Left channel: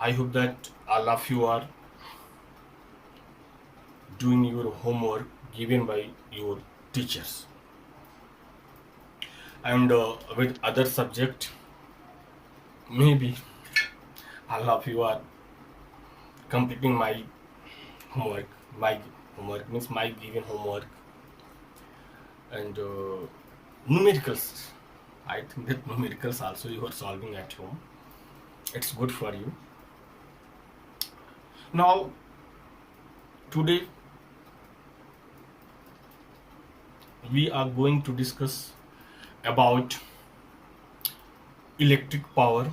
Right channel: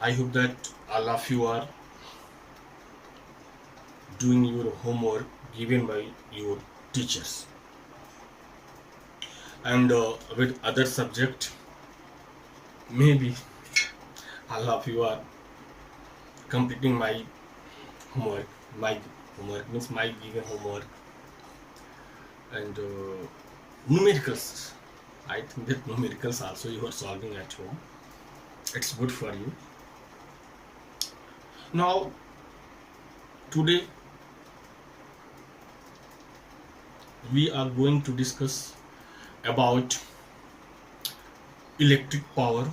I hope that all of you are doing your homework given by your teachers, and with other subject maybe all of you are completing my homework. My homework means my given homework, and numericals. I think that numericals also you are solving at home. It's good for you. Now today we are going to discuss about electric power.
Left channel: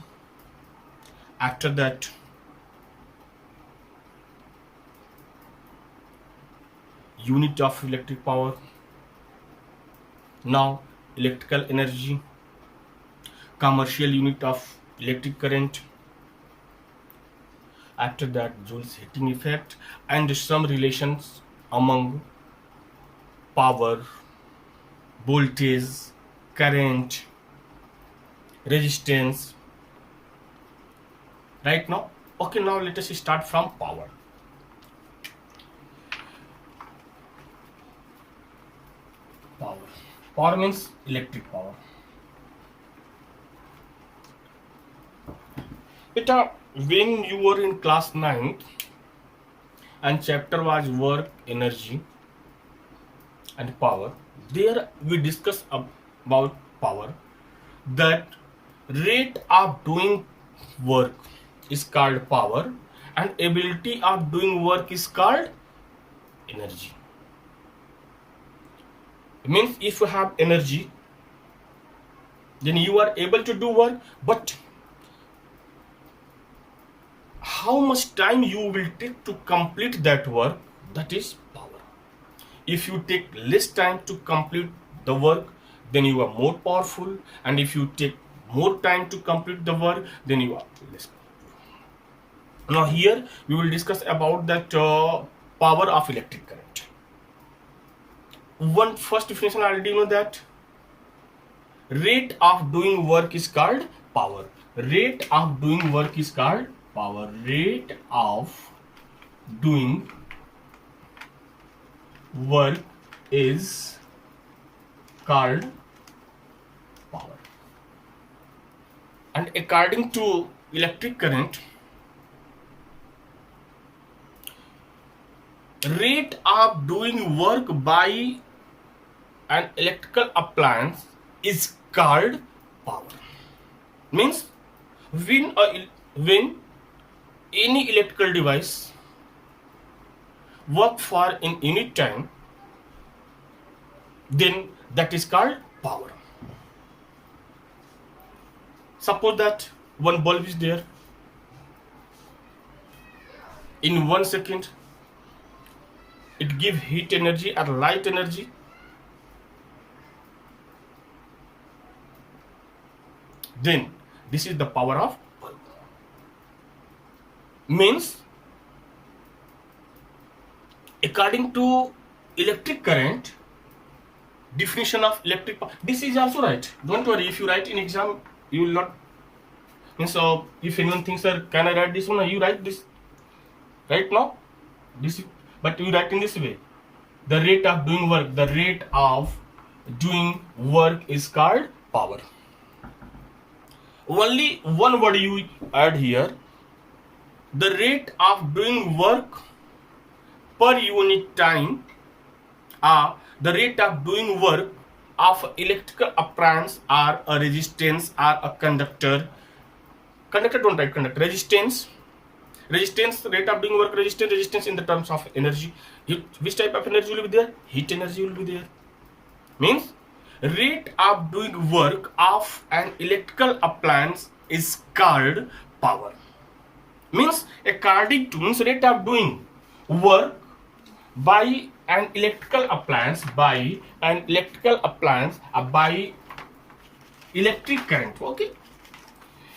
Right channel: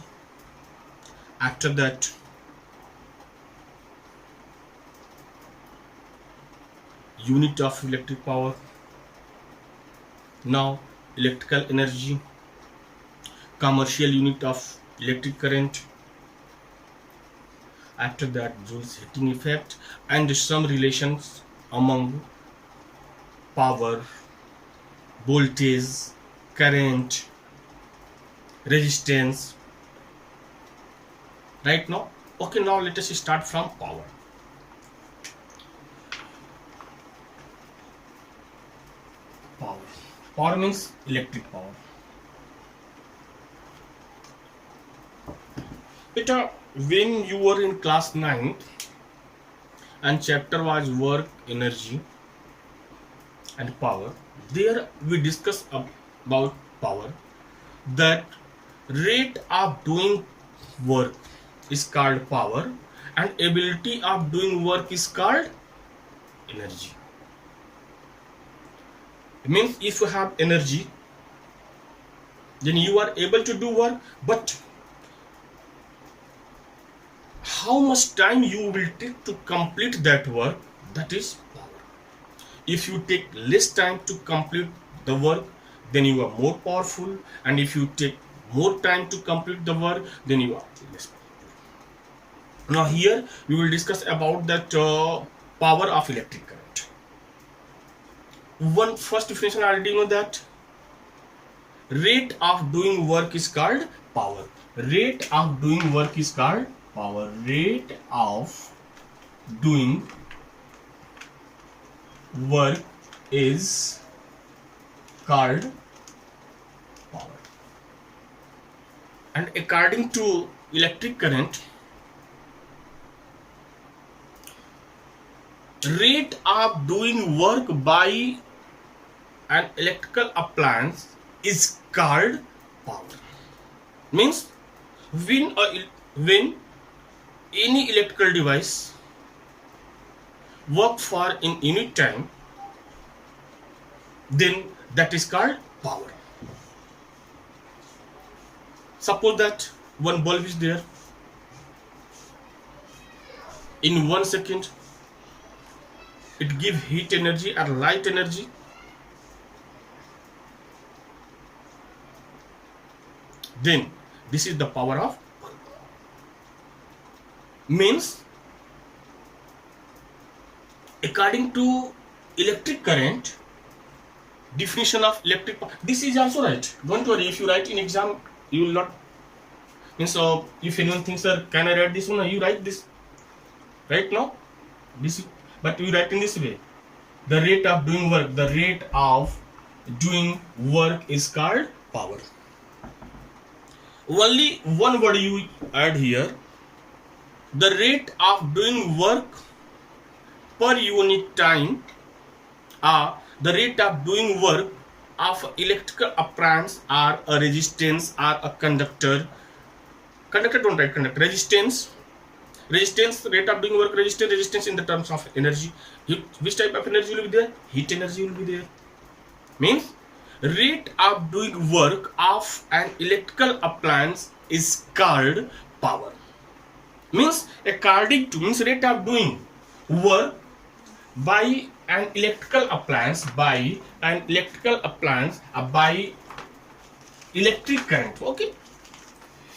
After that, unit of electric power. Now electrical energy, commercial unit of electric current. After that, Joule's heating effect and some relations among power, voltage, current, resistance. Right now, okay, now let us start from power. Power means electric power. When you were in class 9 and chapter was work, energy and power, there we discussed about power, that rate of doing work is called power and ability of doing work is called energy. It means if you have energy, then you are able to do work, but how much time you will take to complete that work, that is power. If you take less time to complete the work, then you are more powerful, and if you take more time to complete the work, then you are less powerful. Now here we will discuss about that power of electric current. One first definition I already know, that rate of doing work is called power. Rate of doing work is called power. Rate of doing work is called power. And according to electric current, rate of doing work by an electrical appliance is called power. Means when any electrical device work for in unit time, then that is called power. Suppose that one bulb is there, in 1 second it gives heat energy or light energy. Then this is the power of bulb. Means according to electric current definition of electric power, this is also right. Don't worry, if you write in exam you will not. And so if anyone thinks, sir, can I write this one? You write this right now. This, but you write in this way. The rate of doing work. The rate of doing work is called power. Only one word you add here. The rate of doing work per unit time, the rate of doing work of electrical appliance or a resistance or a conductor. Conductor, don't write conductor. Resistance, rate of doing work, resistance in the terms of energy. Which type of energy will be there? Heat energy will be there. Means rate of doing work of an electrical appliance is called power. Means according to, means rate of doing work by an electrical appliance, by electric current. Okay,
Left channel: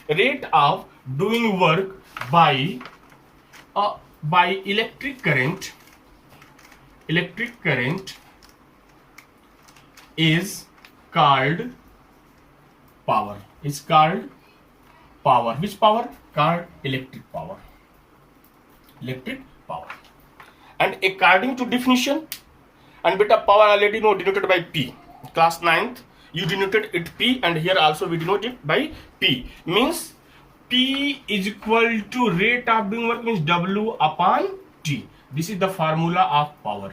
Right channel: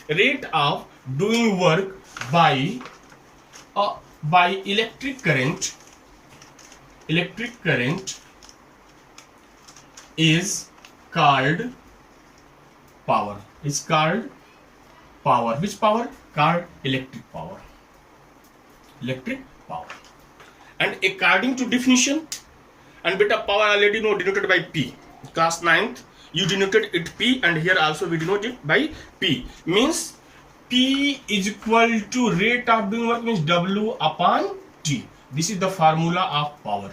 rate of doing work by electric current is called power. Is called power. Which power? called electric power. Electric power. And according to definition, and beta power already know denoted by P. Class 9th, you denoted it P, and here also we denote it by P. Means P is equal to rate of doing work, means W upon T. This is the formula of power.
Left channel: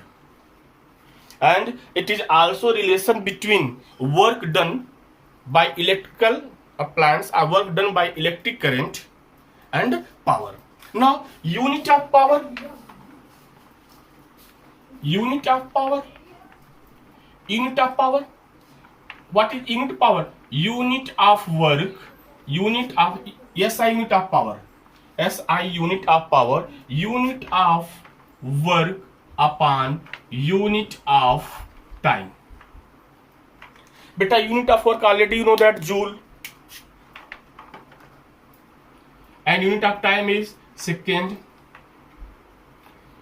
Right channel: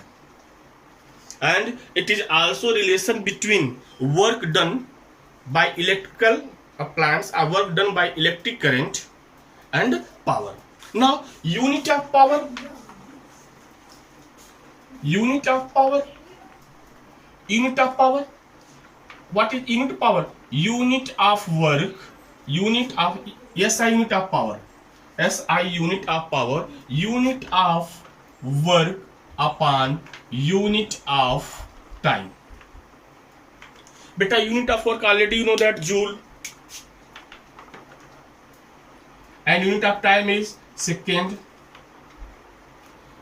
And it is also relation between work done by electrical appliance or work done by electric current and power. Now, unit of power. Unit of power. Unit of power. What is unit power? Unit of work. Unit of SI unit of power. SI unit of power. Unit of work upon unit of time. Beta, unit of work already you know that joule. And unit of time is second.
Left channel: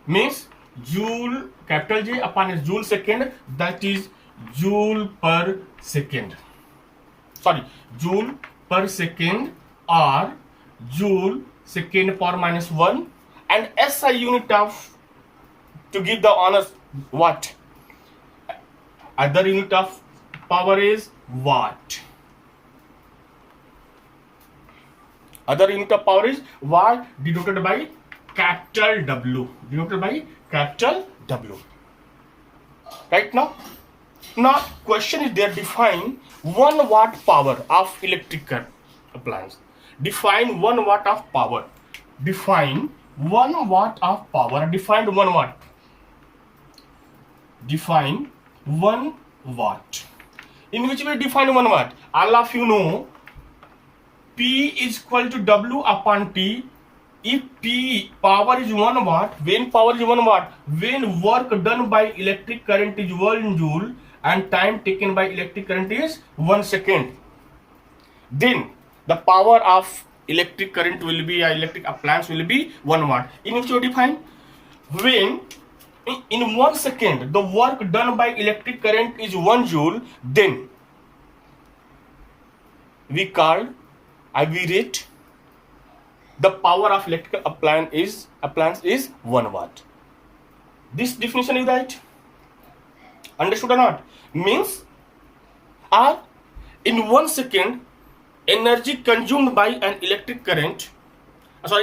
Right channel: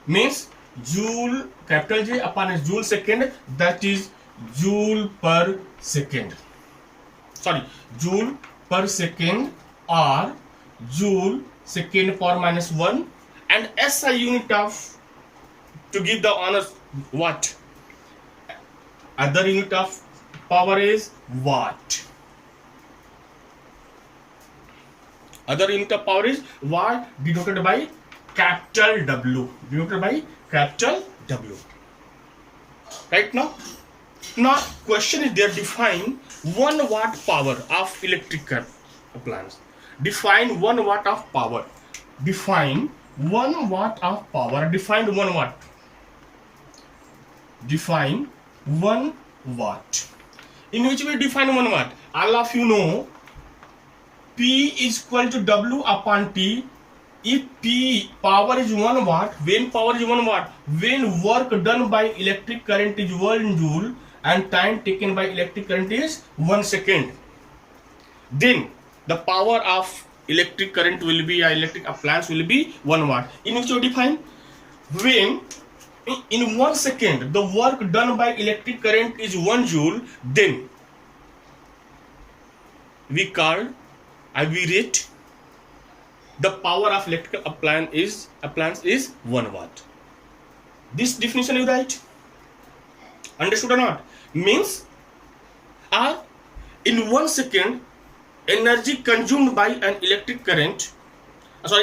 Means joule, capital J upon a joule second, that is joule per second. Sorry, joule per second or joule second power minus 1. And SI unit of, to give the honor, watt. Other unit of power is watt. Other unit of power is watt, denoted by capital W. Denoted by capital W. Right now? Now, question is there, define 1 watt power of electric appliance. Define 1 watt of power. Define 1 watt of power. Define 1 watt. Define 1 watt. In which way define 1 watt? All of you know P is equal to W upon T. If P power is 1 watt, when power is 1 watt, when work done by electric current is 1 joule and time taken by electric current is 1 second, then the power of electric current will be, electric appliance will be 1 watt. In which you define, when in 1 second the work done by electric current is 1 joule, then we rate the power of electrical appliance is 1 watt. This definition is right. Understood or not? Means, in 1 second, energy consumed by an electric current.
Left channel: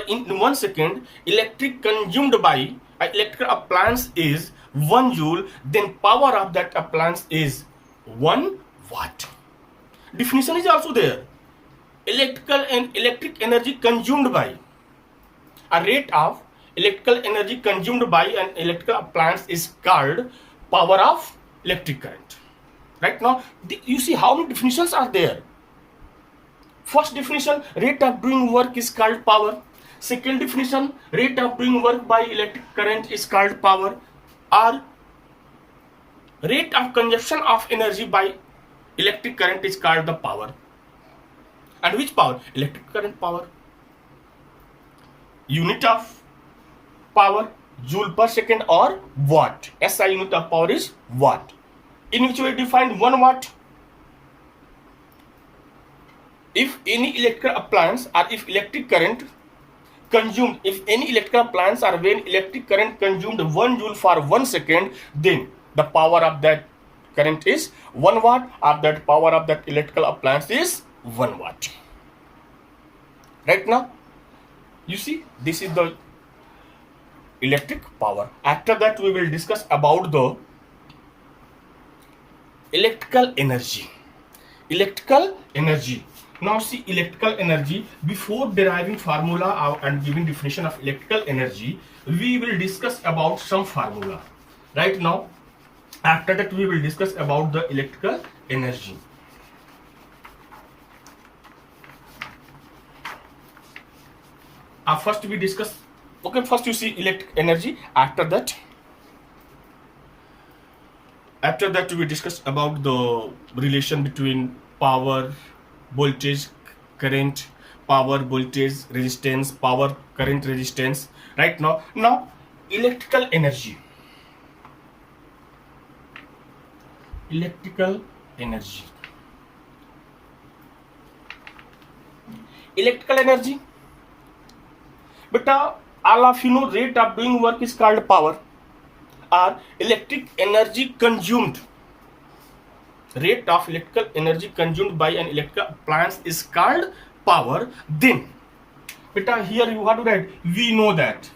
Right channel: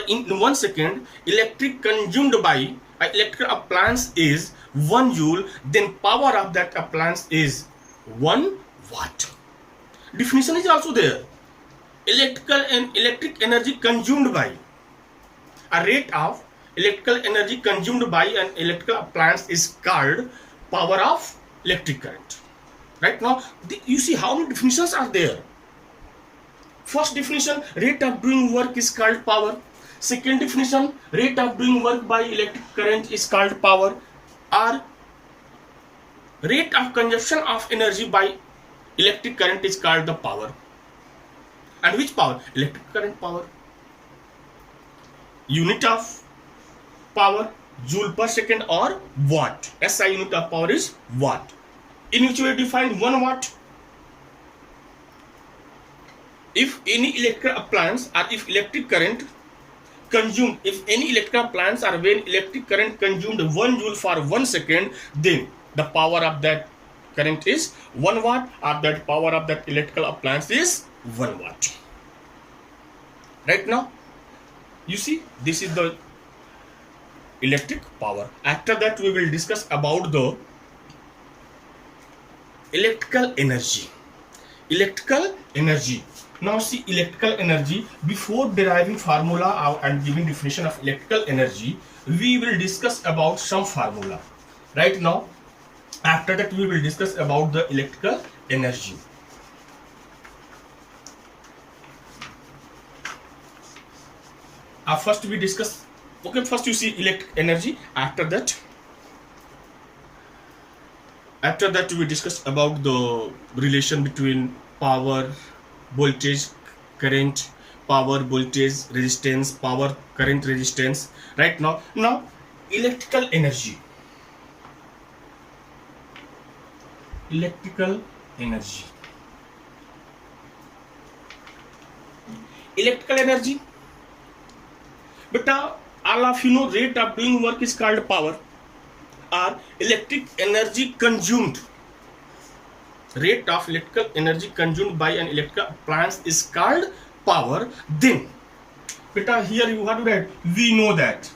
In 1 second, electric consumed by an electrical appliance is 1 joule. Then power of that appliance is 1 watt. Definition is also there. Electric energy consumed by, a rate of electrical energy consumed by an electrical appliance is called power of electric current. Right now, you see how many definitions are there. First definition, rate of doing work is called power. Second definition, rate of doing work by electric current is called power. Or rate of consumption of energy by electric current is called the power. And which power? Electric current power. Unit of power, joule per second or watt. SI unit of power is watt. In which way define 1 watt? If any electrical appliance or if electric current consumed, if any electrical appliance or when electric current consumed 1 joule for 1 second, then the power of that current is 1 watt, or that power of that electrical appliance is 1 watt. Right now, you see, this is the electric power. After that, we will discuss about the electrical energy. Electrical energy. Now see, electrical energy, before deriving formula and giving definition of electrical energy, we will discuss about some formula. Right now, after that, we will discuss about the electrical energy. First we discuss, okay, first you see electric energy. After that we discuss about the relation between power, voltage, current, power, voltage, resistance, power, current, resistance. Right now electrical energy. Electrical energy. Electrical energy But all of you know rate of doing work is called power or electric energy consumed. Rate of electrical energy consumed by an electrical appliance is called power. Then, but here you have to write, we know that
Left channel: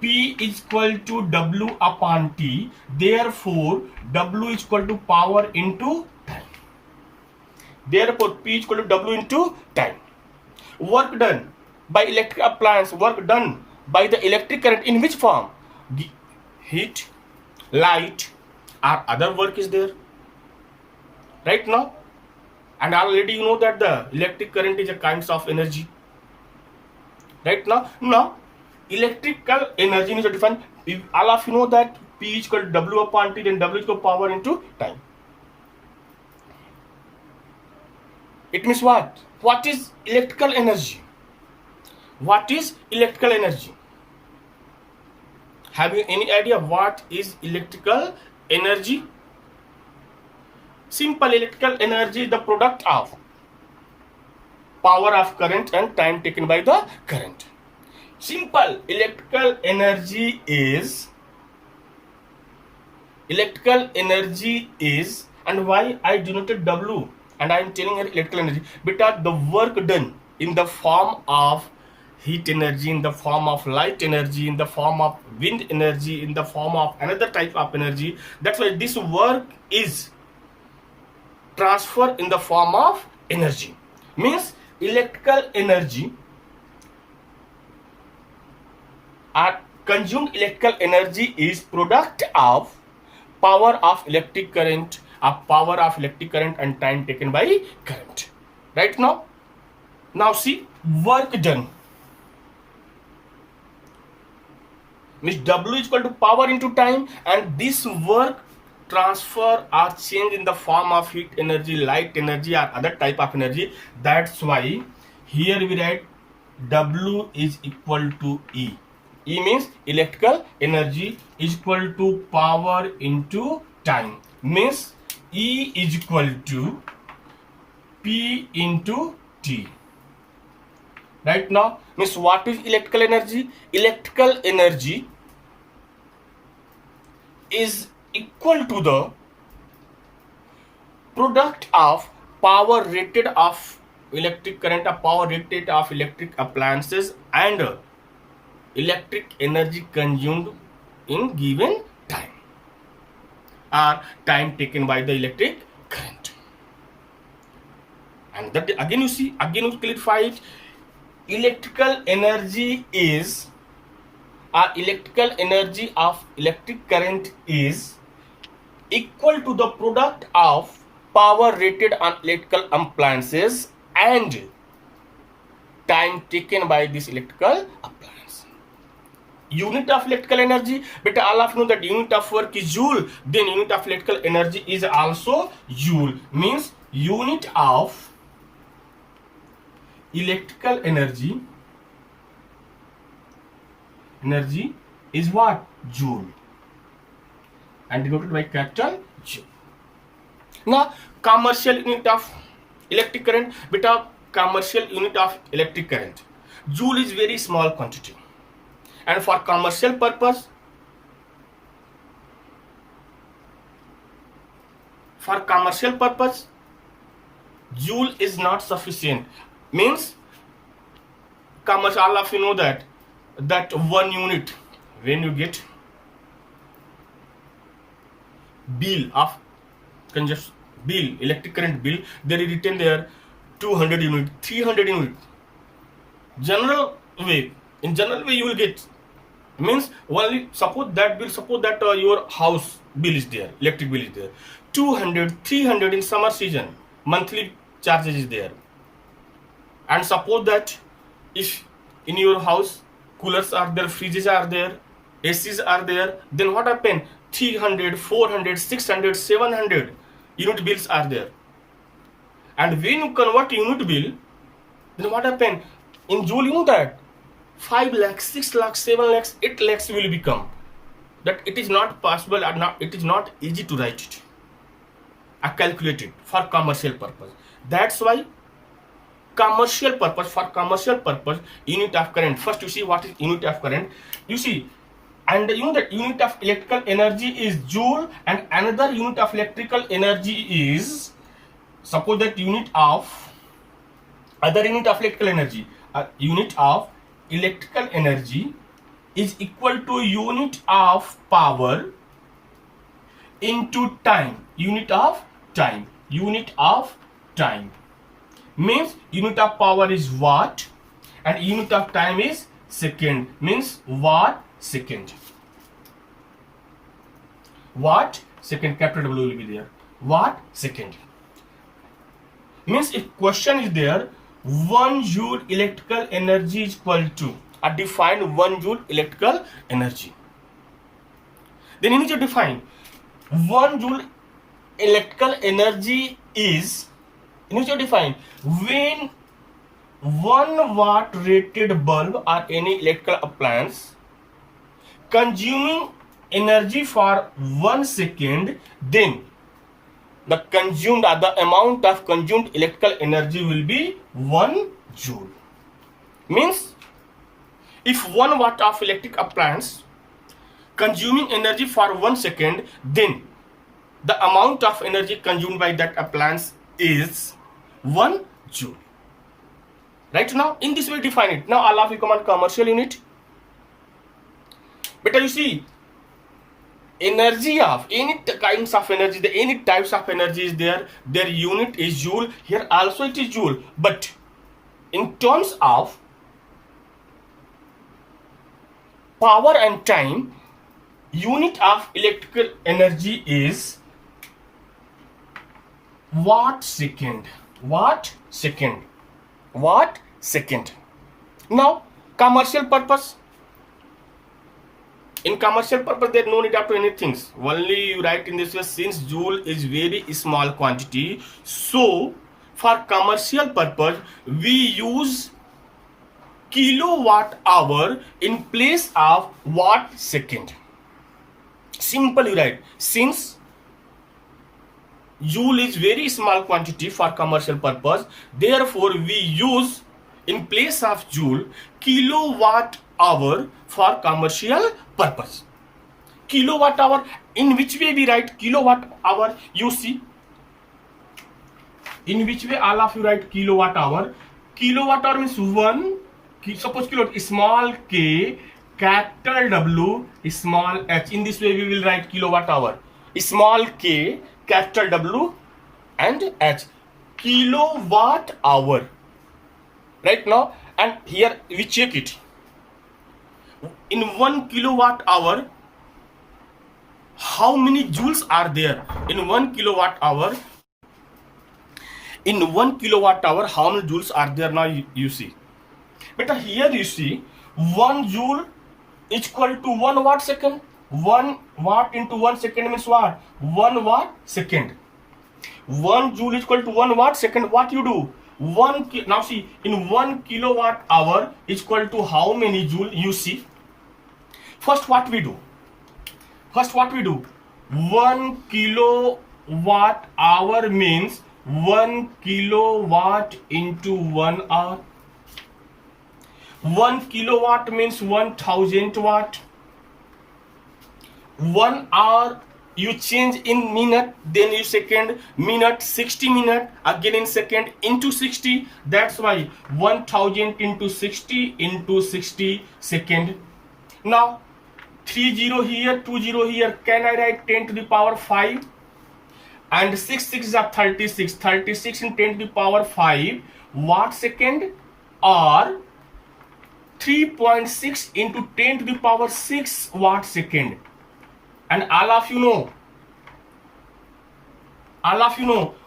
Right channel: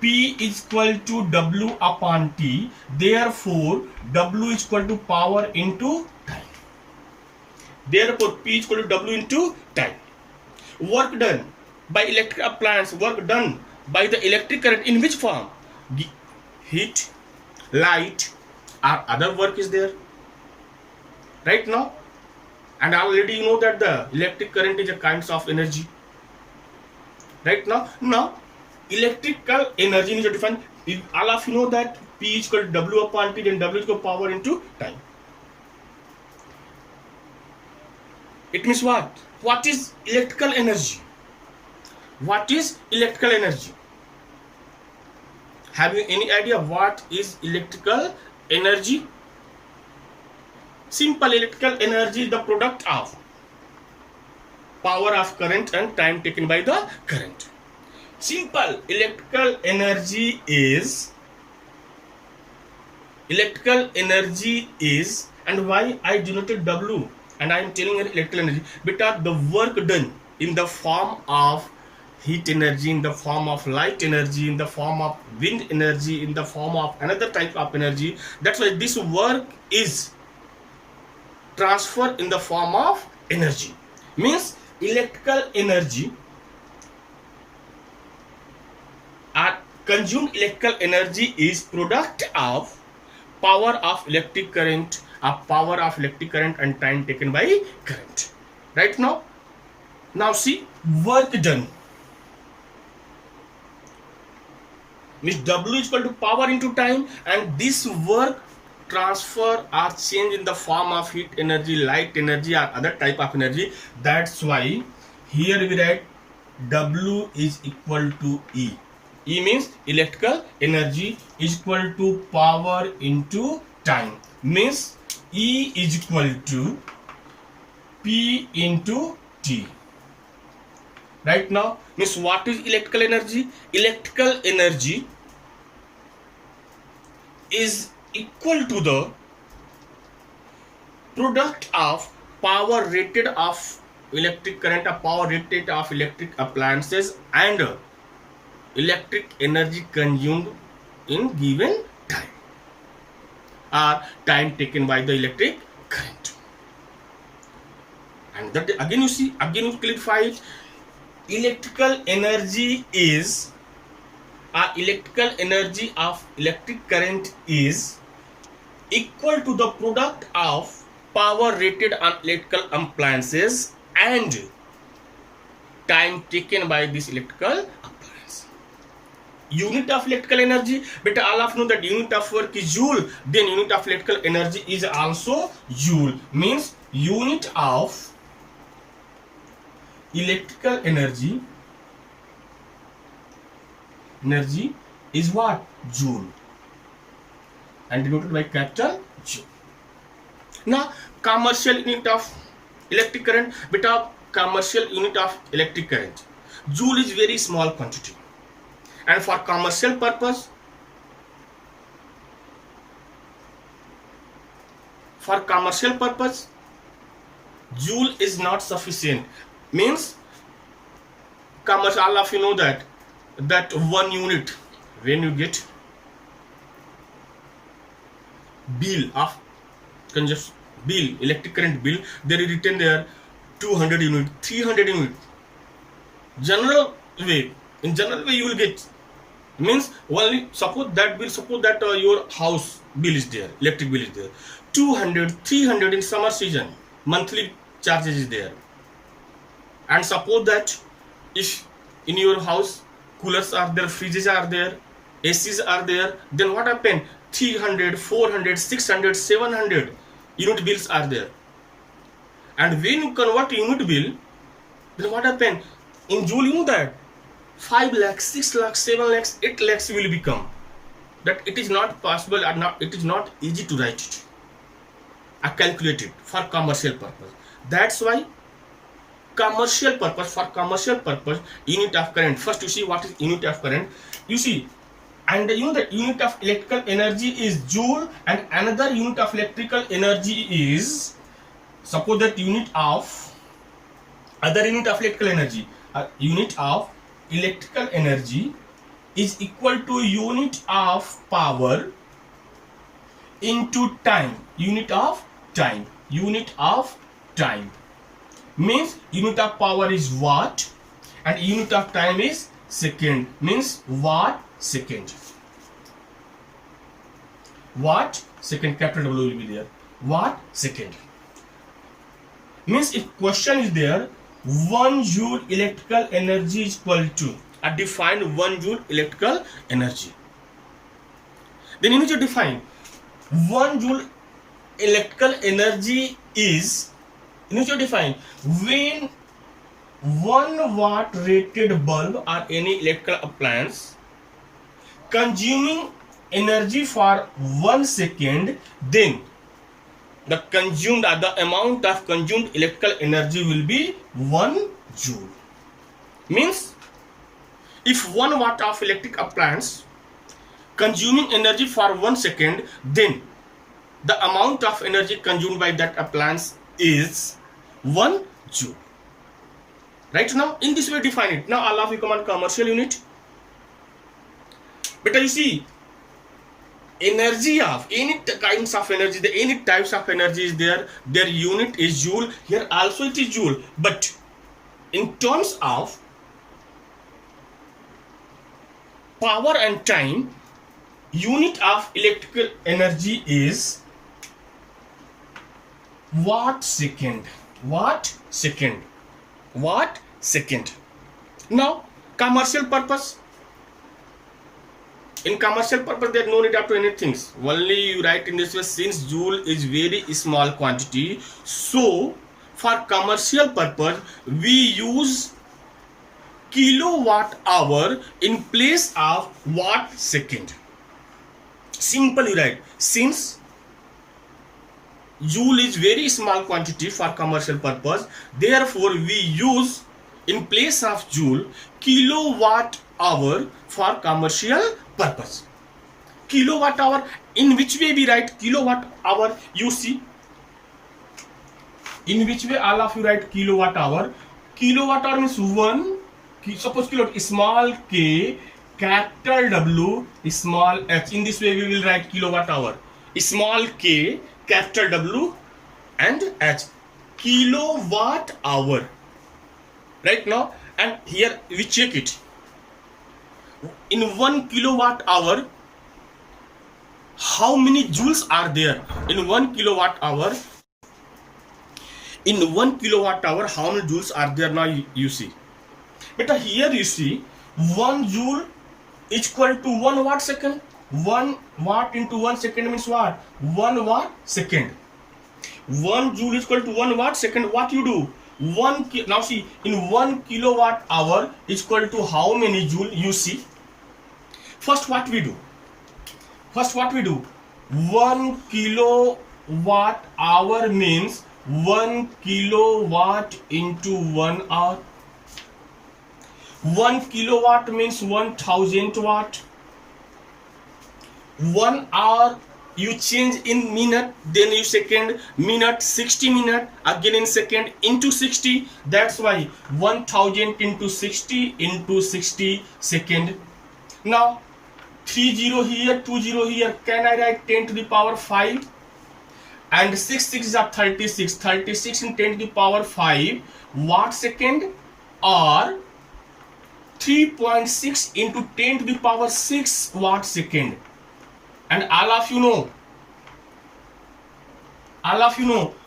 P is equal to W upon T. Therefore, W is equal to power into time. Therefore, P is equal to W into time. Work done by electric appliance, work done by the electric current in which form? Heat, light, or other work is there. Right now, and already you know that the electric current is a kind of energy. Right now electrical energy is defined. If all of you know that P is equal to W upon T, then W is equal to power into time. It means what? What is electrical energy? What is electrical energy? Have you any idea what is electrical energy? Simple, electrical energy is the product of power of current and time taken by the current. Simple, electrical energy is, and why I denoted W and I am telling you electrical energy, because the work done in the form of heat energy, in the form of light energy, in the form of wind energy, in the form of another type of energy. That's why this work is transferred in the form of energy. Means electrical energy or consumed electrical energy is product of power of electric current, and time taken by current. Right now see, work done means W is equal to power into time, and this work transfer or change in the form of heat energy, light energy, or other type of energy. That's why here we write W is equal to E. E means electrical energy is equal to power into time. Means E is equal to P into T. Right now, means what is electrical energy? Electrical energy is equal to the product of power rated of electric current, or power rated of electric appliances, and electric energy consumed in given time, or time taken by the electric current. And that again you clarify, electrical energy is, electrical energy of electric current is equal to the product of power rated on electrical appliances and time taken by this electrical appliance. Unit of electrical energy, but all of you know that unit of work is joule, then unit of electrical energy is also joule. Means unit of electrical energy is what? Joule, and denoted by capital J. Now commercial unit of electric current, beta commercial unit of electric current, joule is very small quantity, and for commercial purpose, joule is not sufficient. Means commercial, all of you know that 1 unit, when you get bill of consumption, bill, electric current bill, there is written there 200 unit, 300 unit. In general way you will get, means only suppose that your house bill is there, electric bill is there, 200, 300 in summer season, monthly charges is there. And suppose that if in your house coolers are there, fridges are there, ACs are there, then what happen? 300, 400, 600, 700 unit bills are there. And when you convert unit bill, then what happen? In joule, you know that 5 lakhs, 6 lakhs, 7 lakhs, 8 lakhs will become. That it is not possible, or not, it is not easy to write it or calculate it for commercial purpose. That's why commercial purpose, for commercial purpose, unit of current. First you see what is unit of current. You see, and the unit of electrical energy is joule, and another unit of electrical energy is, suppose that unit of other unit of electrical energy, unit of electrical energy is equal to unit of power into time. Unit of time. Unit of time means unit of power is watt and unit of time is second, means watt second. Watt second, capital W will be there. Watt second means if question is there, 1 joule electrical energy is equal to, define 1 joule electrical energy. Then you need to define 1 joule electrical energy is, you need to define when 1 watt rated bulb or any electrical appliance consuming energy for 1 second, then the amount of consumed electrical energy will be 1 joule. Means if 1 watt of electric appliance consuming energy for 1 second, then the amount of energy consumed by that appliance is 1 joule. Right now, in this way define it. Now all of you come on commercial unit. But you see, energy of any kinds of energy, any types of energy is there, their unit is joule. Here also it is joule, but in terms of power and time, unit of electrical energy is watt second. Watt second. Watt second. Now commercial purpose. In commercial purpose, there is no need up to anything. Only you write in this way, since joule is very small quantity, so for commercial purpose we use kilowatt hour in place of watt second. Simple you write, since joule is very small quantity for commercial purpose, therefore we use in place of joule kilowatt hour for commercial purpose. Kilowatt hour, in which way we write kilowatt hour? You see, in which way all of you write kilowatt hour? Kilowatt hour means 1, suppose kilowatt, small k, capital W, small h. In this way we will write kilowatt hour. Small k, capital W and h. Kilowatt hour. Right now, and here we check it. In 1 kilowatt hour, how many joules are there? In 1 kilowatt hour, in 1 kilowatt hour, how many joules are there? Now you see. But here you see 1 joule is equal to 1 watt second. 1 watt into 1 second means what? 1 watt second. 1 joule is equal to 1 watt second. What you do? Now see, in 1 kilowatt hour is equal to how many joule? You see. First what we do? 1 kilowatt hour means 1 kilowatt into 1 hour. 1 kilowatt means 1000 watt. 1 hour you change in minute, then you second, minute 60 minute, again in second into 60. That's why 1000 into 60 into 60 second. Now 30 here, 20 here. Can I write 10 to the power 5? And 6 is 36. 36 in 10 to the power 5 watt second, or 3.6 into 10 to the power 6 watt second. And all of you know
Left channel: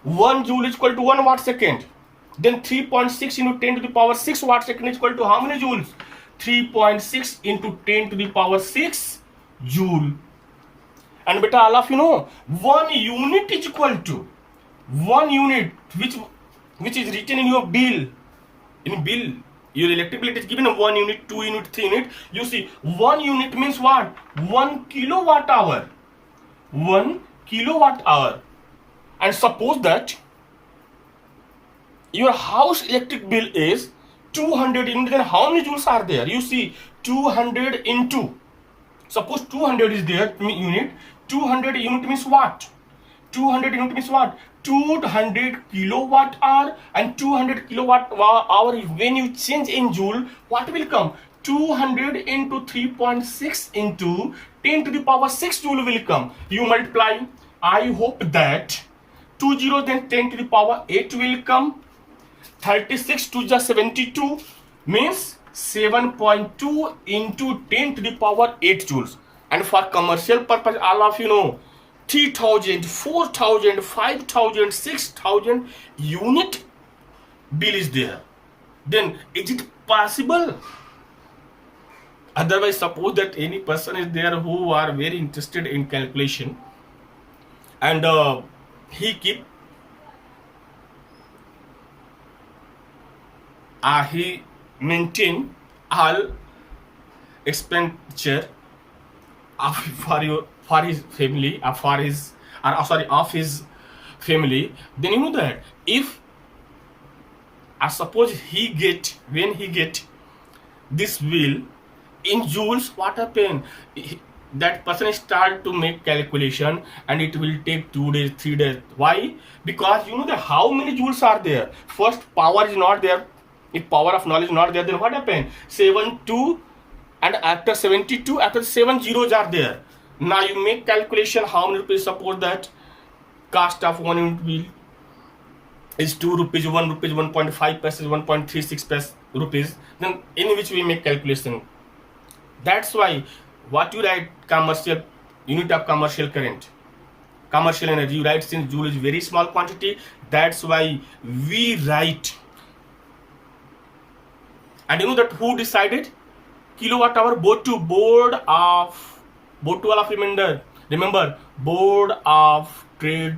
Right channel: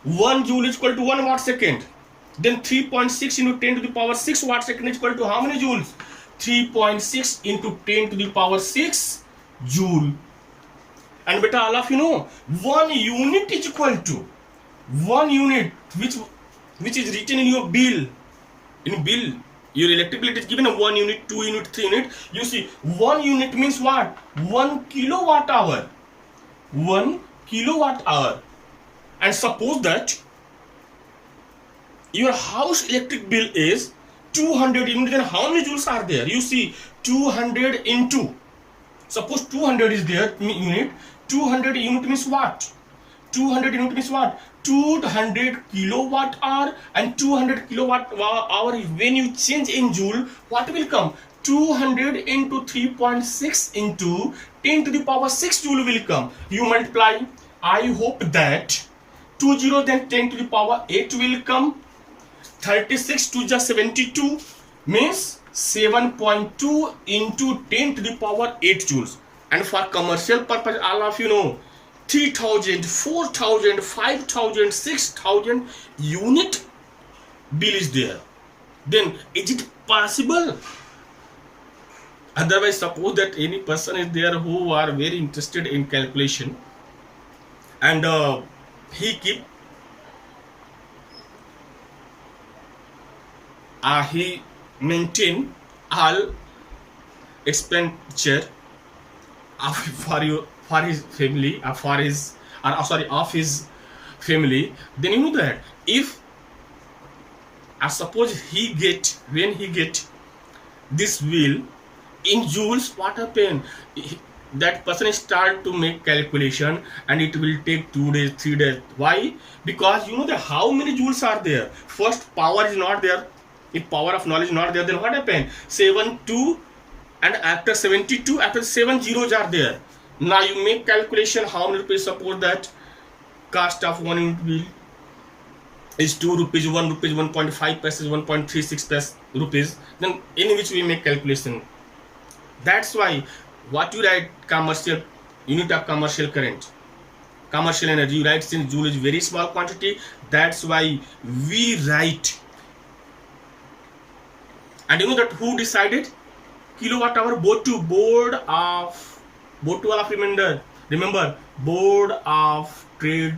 1 joule is equal to 1 watt second. Then 3.6 into 10 to the power 6 watt second is equal to how many joules? 3.6 into 10 to the power 6 joule. And beta, all of you know 1 unit is equal to 1 unit, which is written in your bill. In bill, your electric bill is given a 1 unit, 2 unit, 3 unit. You see, 1 unit means what? 1 kilowatt hour. 1 kilowatt hour. And suppose that your house electric bill is 200 unit, then how many joules are there? You see 200 into, suppose 200 is there unit, 200 unit means what? 200 unit means what? 200 kilowatt hour, and 200 kilowatt hour, when you change in joule, what will come? 200 into 3.6 into 10 to the power 6 joule will come. You multiply. I hope that 20, then 10 to the power 8 will come. 36 to the 72 means 7.2 into 10 to the power 8 joules. And for commercial purpose, all of you know, 3,000, 4,000, 5,000, 6,000 unit bill is there. Then is it possible? Otherwise, suppose that any person is there who are very interested in calculation, and he maintain all expenditure for his family, of his family. Then you know that if suppose when he get this bill in joules, what happen? That person start to make calculation, and it will take 2 days, 3 days. Why? Because you know that how many joules are there. First, power is not there. If power of knowledge is not there, then what happen? 72, and after 72, after 7 zeros are there. Now you make calculation how many rupees. Suppose that cost of 1 unit bill is 2 rupees, 1 rupees, 1.5 paise, 1.36 rupees. Then in which we make calculation. That's why what you write commercial unit of commercial current, commercial energy, you write since joule is very small quantity. That's why we write. And you know that who decided? Kilowatt hour. Board of remember Board of Trade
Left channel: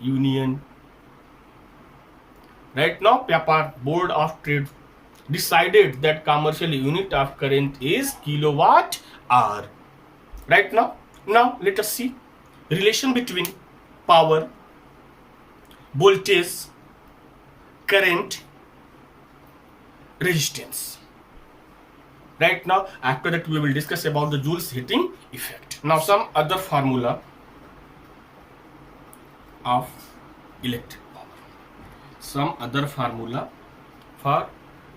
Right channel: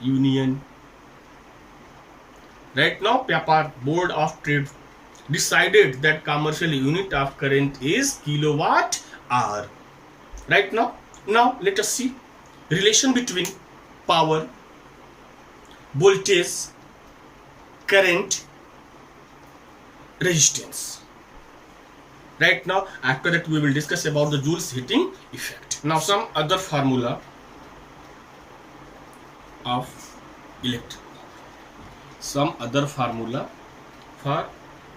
Union. Right now, Board of Trade decided that commercial unit of current is kilowatt hour. Right now let us see relation between power, voltage, current, resistance. Right now, after that we will discuss about the Joule's heating effect. Now some other formula of electric power. Some other formula for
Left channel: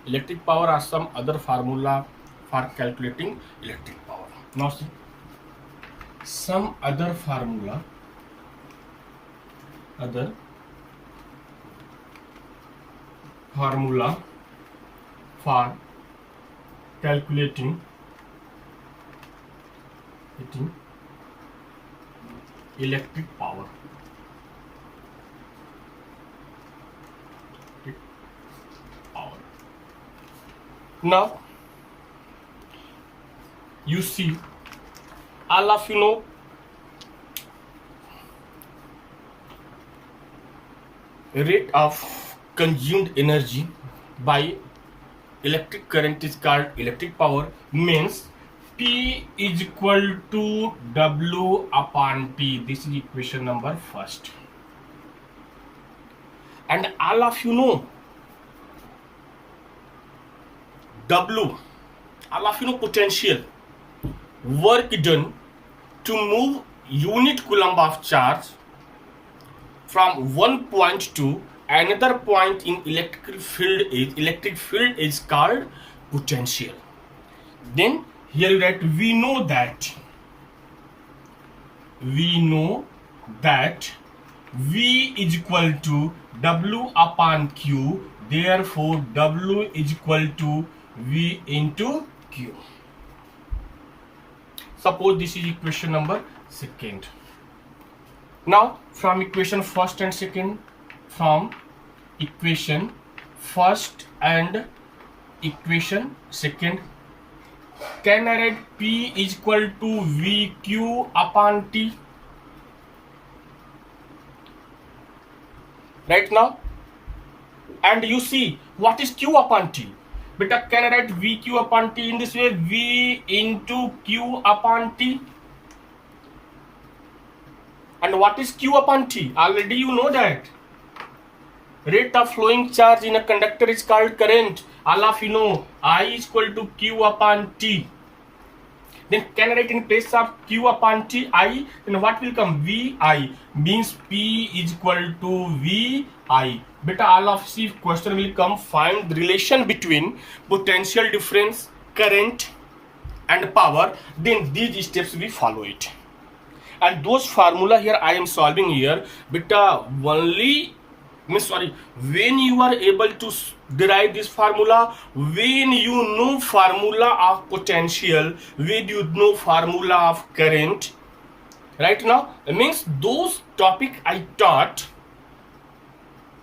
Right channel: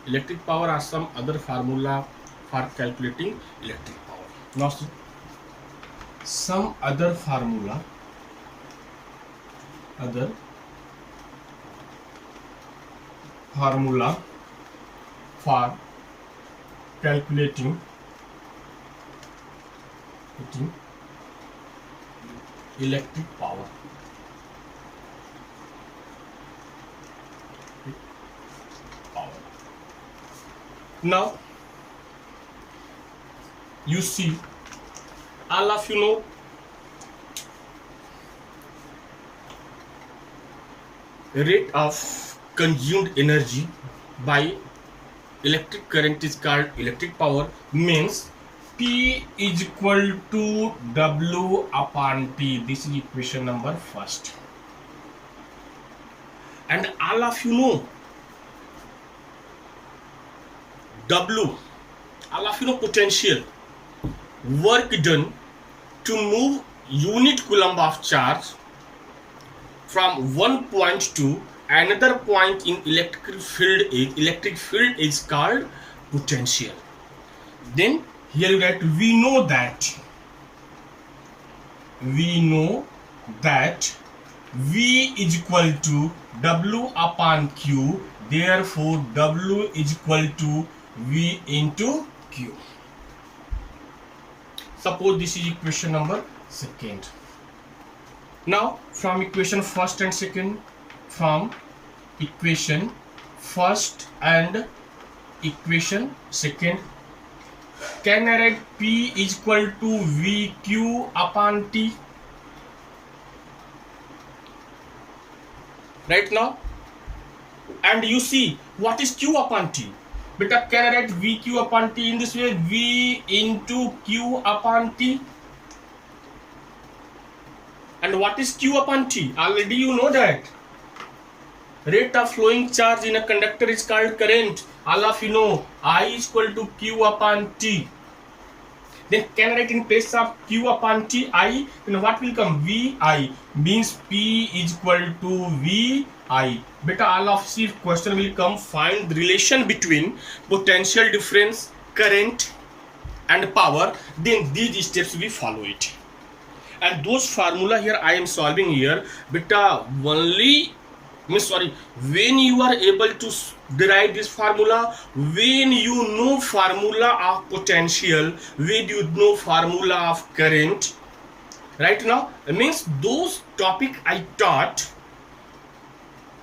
electric power, or some other formula for calculating electric power. Now see, some other formula for calculating electric power. Now you see, all of you know rate of consumed energy by electric current is called electric power. Means P is equal to W upon T. This is equation number first. And all of you know W, all of you know potential, work done to move unit coulomb of charge from one point to another point in electric field is called potential. Then here you write, we know that V is equal to W upon Q. Therefore W is equal to V into Q. Suppose this is equation number second. Now from equation first and second, can I write P is equal to VQ upon T? Right now, and you see what is Q upon T? Beta, can I write VQ upon T in this way? V into Q upon T. And what is Q upon T? Already you know that. rate of flowing charge in a conductor is called current. All of you know I is equal to Q upon T. Then can I write in place of Q upon T I? Then what will come? VI means P is equal to VI. Beta, all of see question will come, find the relation between potential difference, current and power. Then these steps we follow it. And those formula here I am solving here. Beta, only when you are able to derive this formula, when you know formula of potential, when you know formula of current, right now means those topic I taught,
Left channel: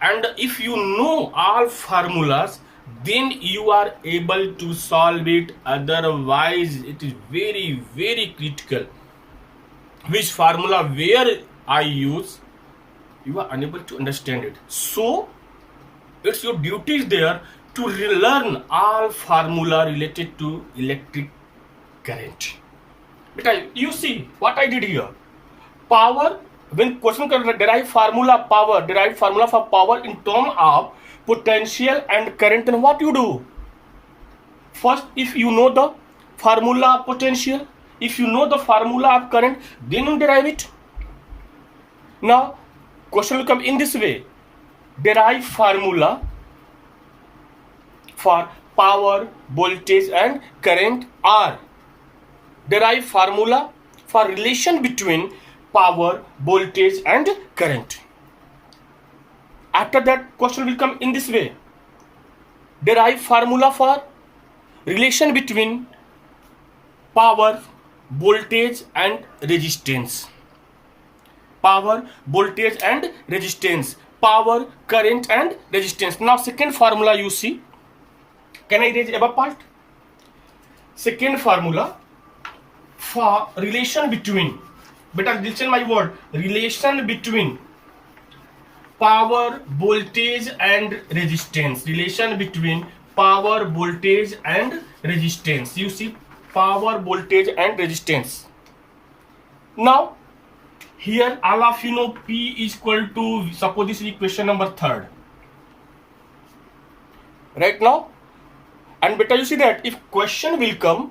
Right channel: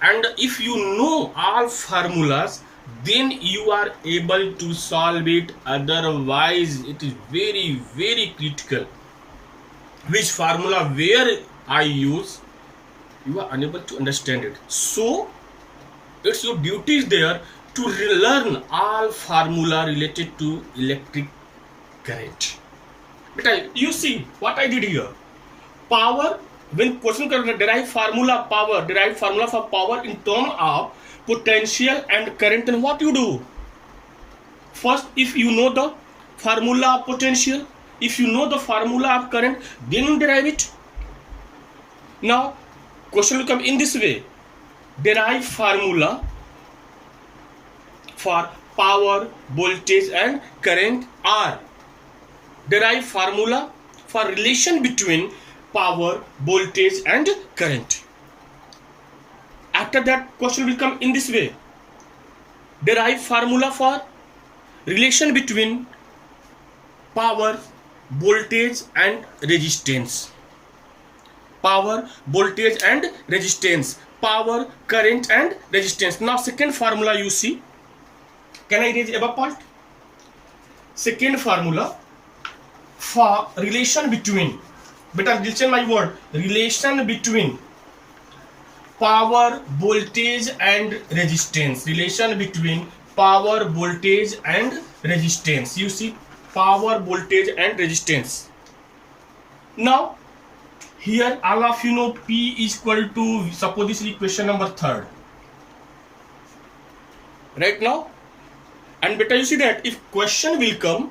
and if you know all formulas, then you are able to solve it. Otherwise it is very, very critical which formula where I use, you are unable to understand it. So it's your duty there to learn all formula related to electric current. But you see what I did here. Power, when question derive formula for power in term of potential and current, then what you do? First, if you know the formula of potential, if you know the formula of current, then you derive it. Now question will come in this way. Derive formula for power, voltage and current are. Derive formula for relation between power, voltage and current. After that question will come in this way. Derive formula for relation between power, voltage and resistance. Power, voltage and resistance. Power, current and resistance. Now second formula you see. Can I erase above part? Second formula for relation between, better listen my word, relation between power, voltage and resistance. Relation between power, voltage and resistance. You see, power, voltage and resistance. Now here all of you know P is equal to, suppose this is equation number 3rd, right now. And better you see that if question will come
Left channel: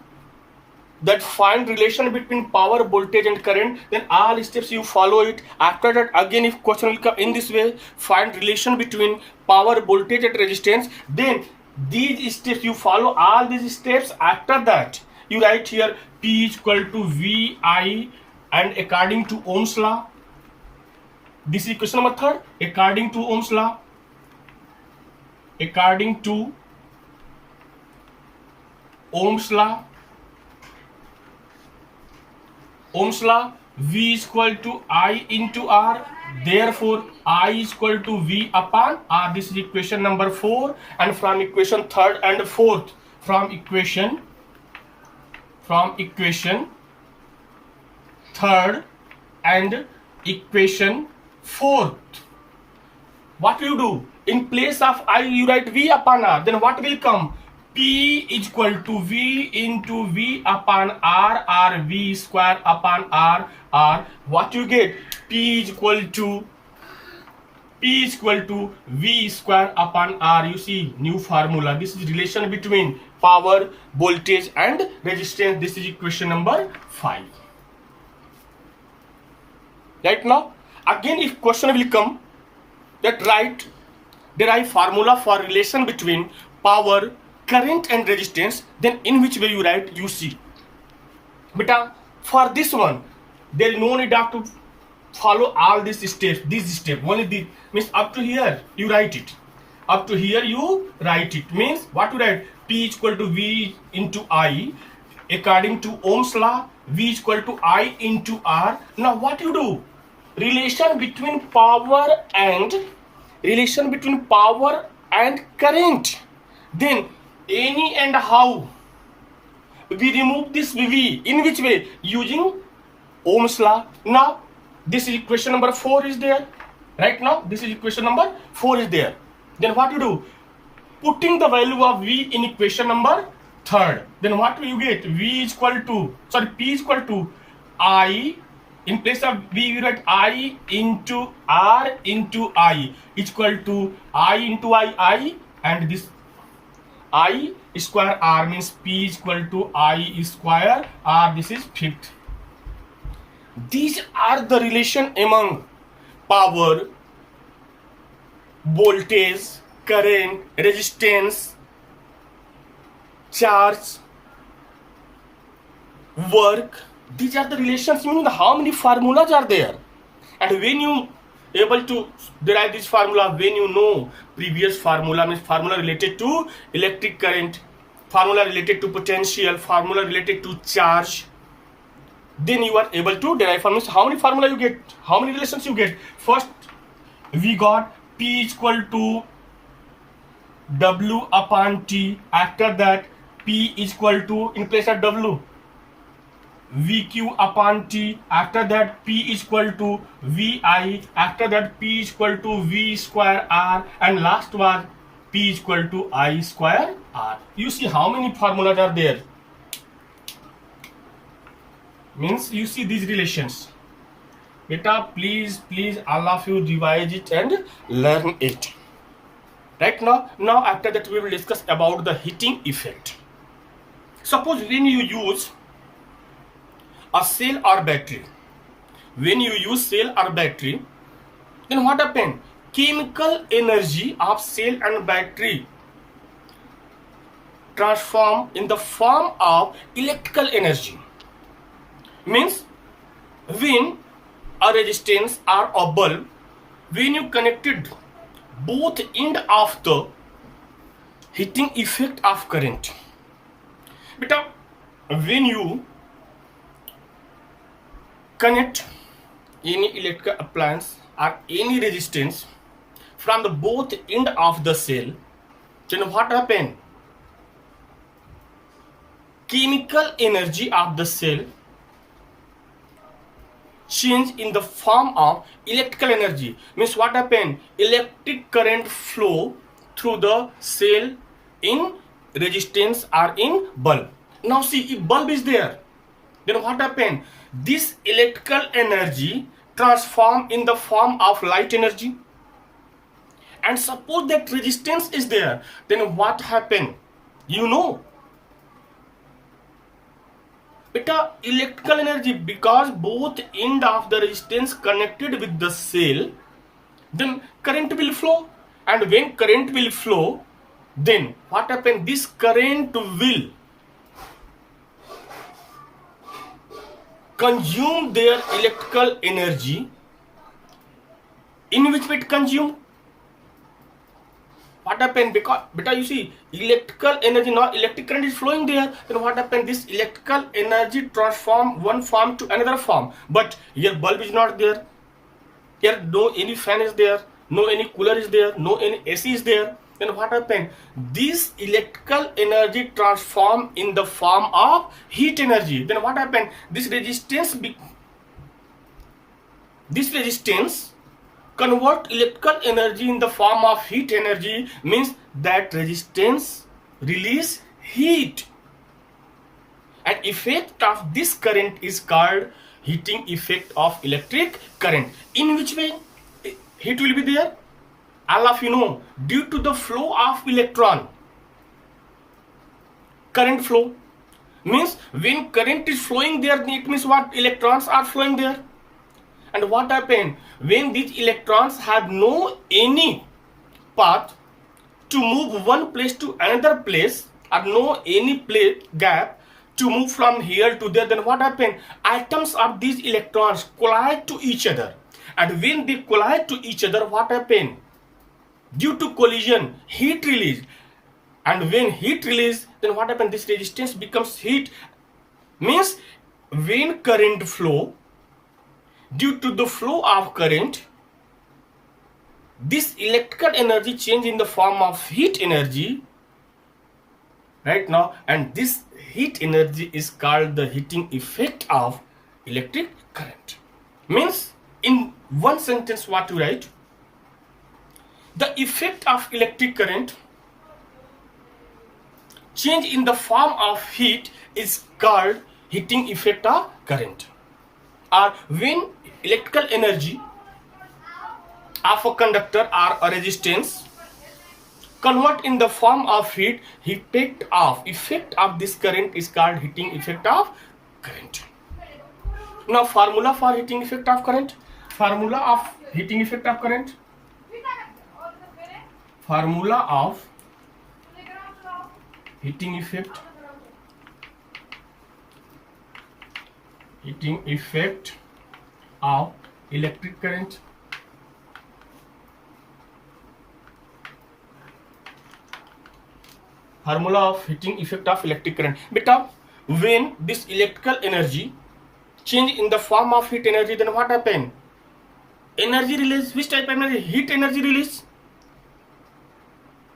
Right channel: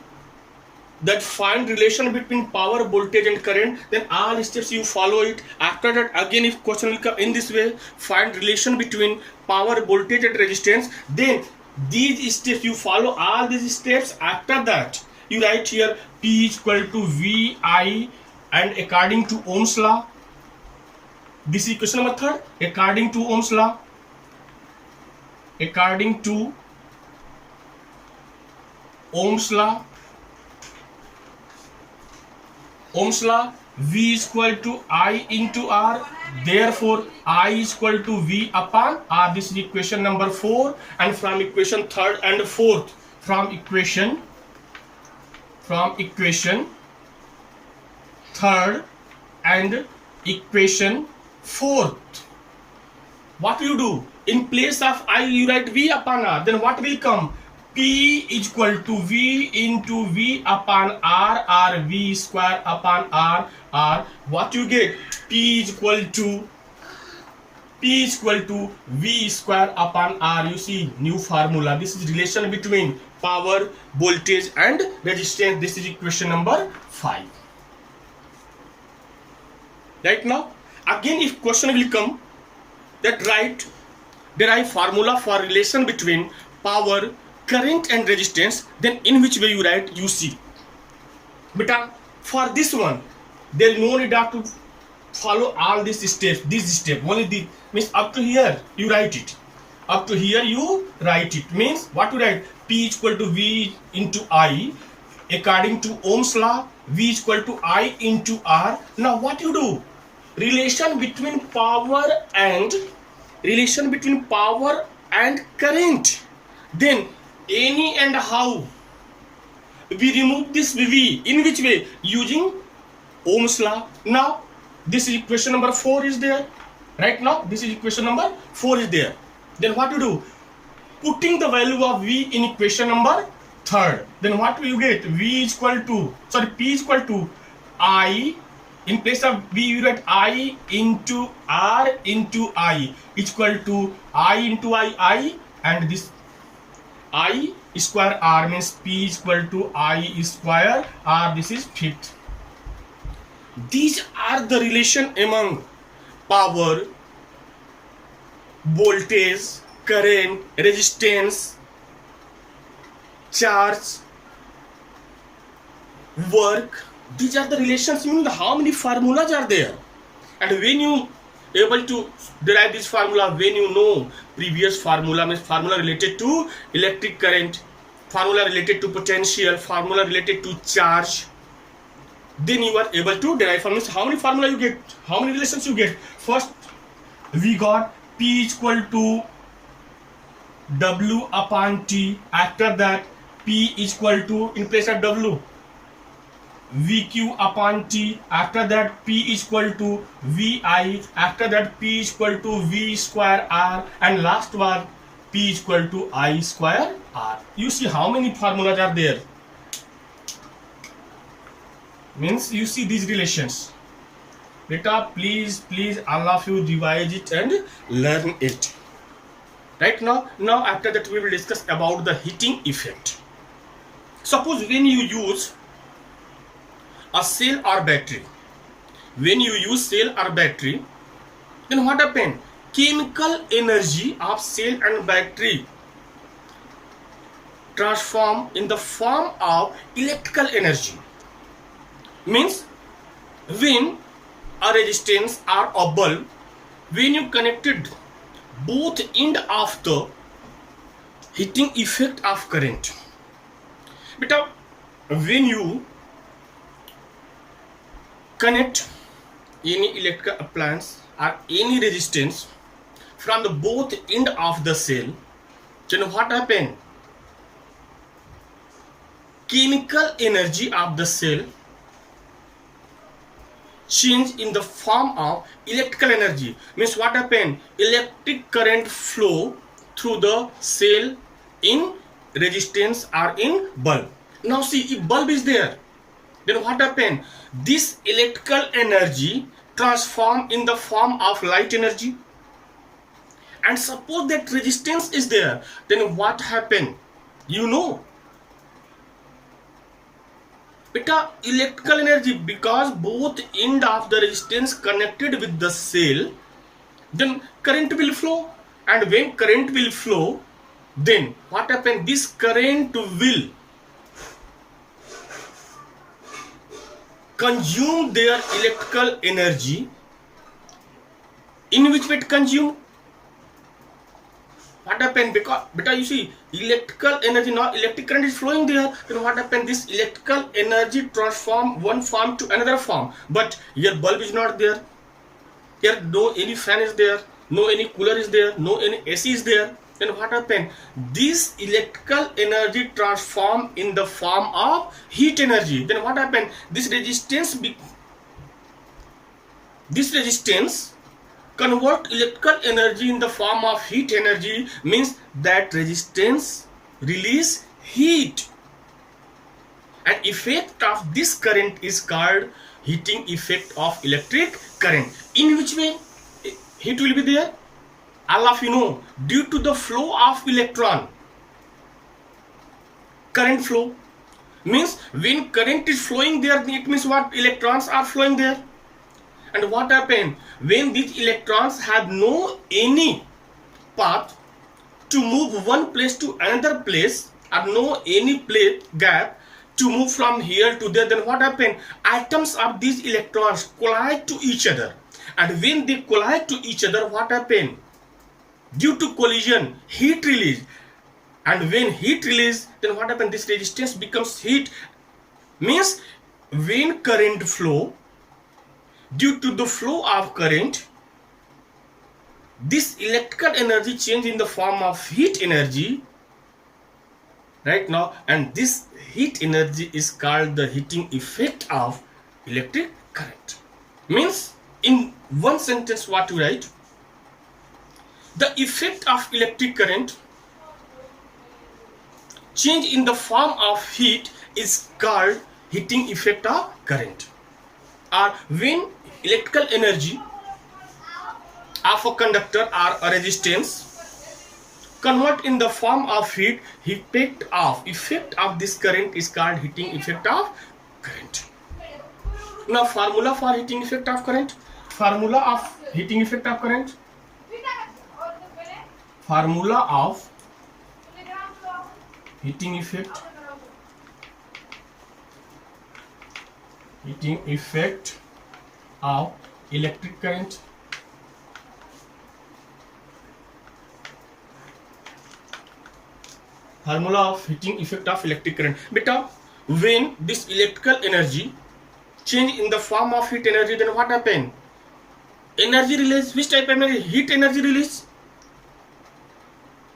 that find relation between power, voltage and current, then all steps you follow it. After that again if question will come in this way, find relation between power, voltage and resistance, then these steps you follow all these steps. After that you write here P is equal to VI, and according to Ohm's law, this is equation number 3rd, according to Ohm's law, according to Ohm's law, V is equal to I into R. Therefore I is equal to V upon R. This is equation number 4. And from equation 3rd and 4th, from equation 3rd and equation 4th, what you do? In place of I you write V upon R. Then what will come? P is equal to V into V upon R, or V square upon R. What you get? P is equal to V square upon R. You see, new formula. This is relation between power, voltage and resistance. This is equation number 5. Right now, again if question will come that derive formula for relation between power, current and resistance, then in which way you write, you see. But for this one, there is no need to follow all these steps. This step only the means up to here you write it. Up to here you write it. Means what you write? P is equal to V into I. According to Ohm's law, V is equal to I into R. Now what you do? Relation between power and current. Then any and how we remove this V. In which way? Using Ohm's law. Now this is equation number 4 is there. Right now this is equation number 4 is there. Then what you do? Putting the value of V in equation number 3rd. Then what will you get? P is equal to I In place of V, you write I into R into I equal to I into I, and this I square R means P is equal to I square R. This is fifth. These are the relation among power, voltage, current, resistance, charge, work. These are the relations, meaning how many formulas are there. And when you able to derive this formula, when you know previous formula, means formula related to electric current, formula related to potential, formula related to charge, then you are able to derive from this. How many formula you get, how many relations you get. First we got P equal to W upon T. After that P equal to, in place of W, VQ upon T. After that P equal to VI. After that P equal to V square R, and last one P equal to I square R. You see how many formulas are there. Means you see these relations. Beta, please all of you revise it and learn it. Right now after that we will discuss about the heating effect. Suppose when you use a cell or battery, when you use cell or battery, then what happens? Chemical energy of cell and battery transform in the form of electrical energy. Means when a resistance or a bulb, when you connected both end of the heating effect of current. But when you connect any electrical appliance or any resistance from the both end of the cell, then what happen? Chemical energy of the cell change in the form of electrical energy. Means what happen? Electric current flow through the cell in resistance or in bulb. Now see, if bulb is there, then what happen? This electrical energy transform in the form of light energy. And suppose that resistance is there, then what happen? You know, beta, electrical energy, because both end of the resistance connected with the cell, then current will flow. And when current will flow, then what happen? This current will consume their electrical energy. In which way it consume? What happened? Because you see, electrical energy, now electric current is flowing there, then what happened? This electrical energy transform one form to another form. But here bulb is not there, here no any fan is there, no any cooler is there, no any AC is there. Then what happened? This electrical energy transform in the form of heat energy. Then what happened? This resistance convert electrical energy in the form of heat energy. Means that resistance release heat, and effect of this current is called heating effect of electric current. In which way heat will be there? All of you know, due to the flow of electron, current flow. Means when current is flowing there, it means what? Electrons are flowing there. And what happen? When these electrons have no any path to move one place to another place, or no any place gap to move from here to there, then what happen? Atoms of these electrons collide to each other. And when they collide to each other, what happen? Due to collision, heat release. And when heat release, then what happens? This resistance becomes heat. Means when current flow, due to the flow of current, this electrical energy change in the form of heat energy. Right now, and this heat energy is called the heating effect of electric current. Means in one sentence what you write? The effect of electric current change in the form of heat is called heating effect of current. are when electrical energy of a conductor or a resistance convert in the form of heat. Effect of this current is called heating effect of current. Now formula for heating effect of current. Formula of heating effect of current. Formula of heating effect of electric current. Formula of heating effect of electric current. Beta, when this electrical energy change in the form of heat energy, then what happen? Energy release. Which type of energy? Heat energy release.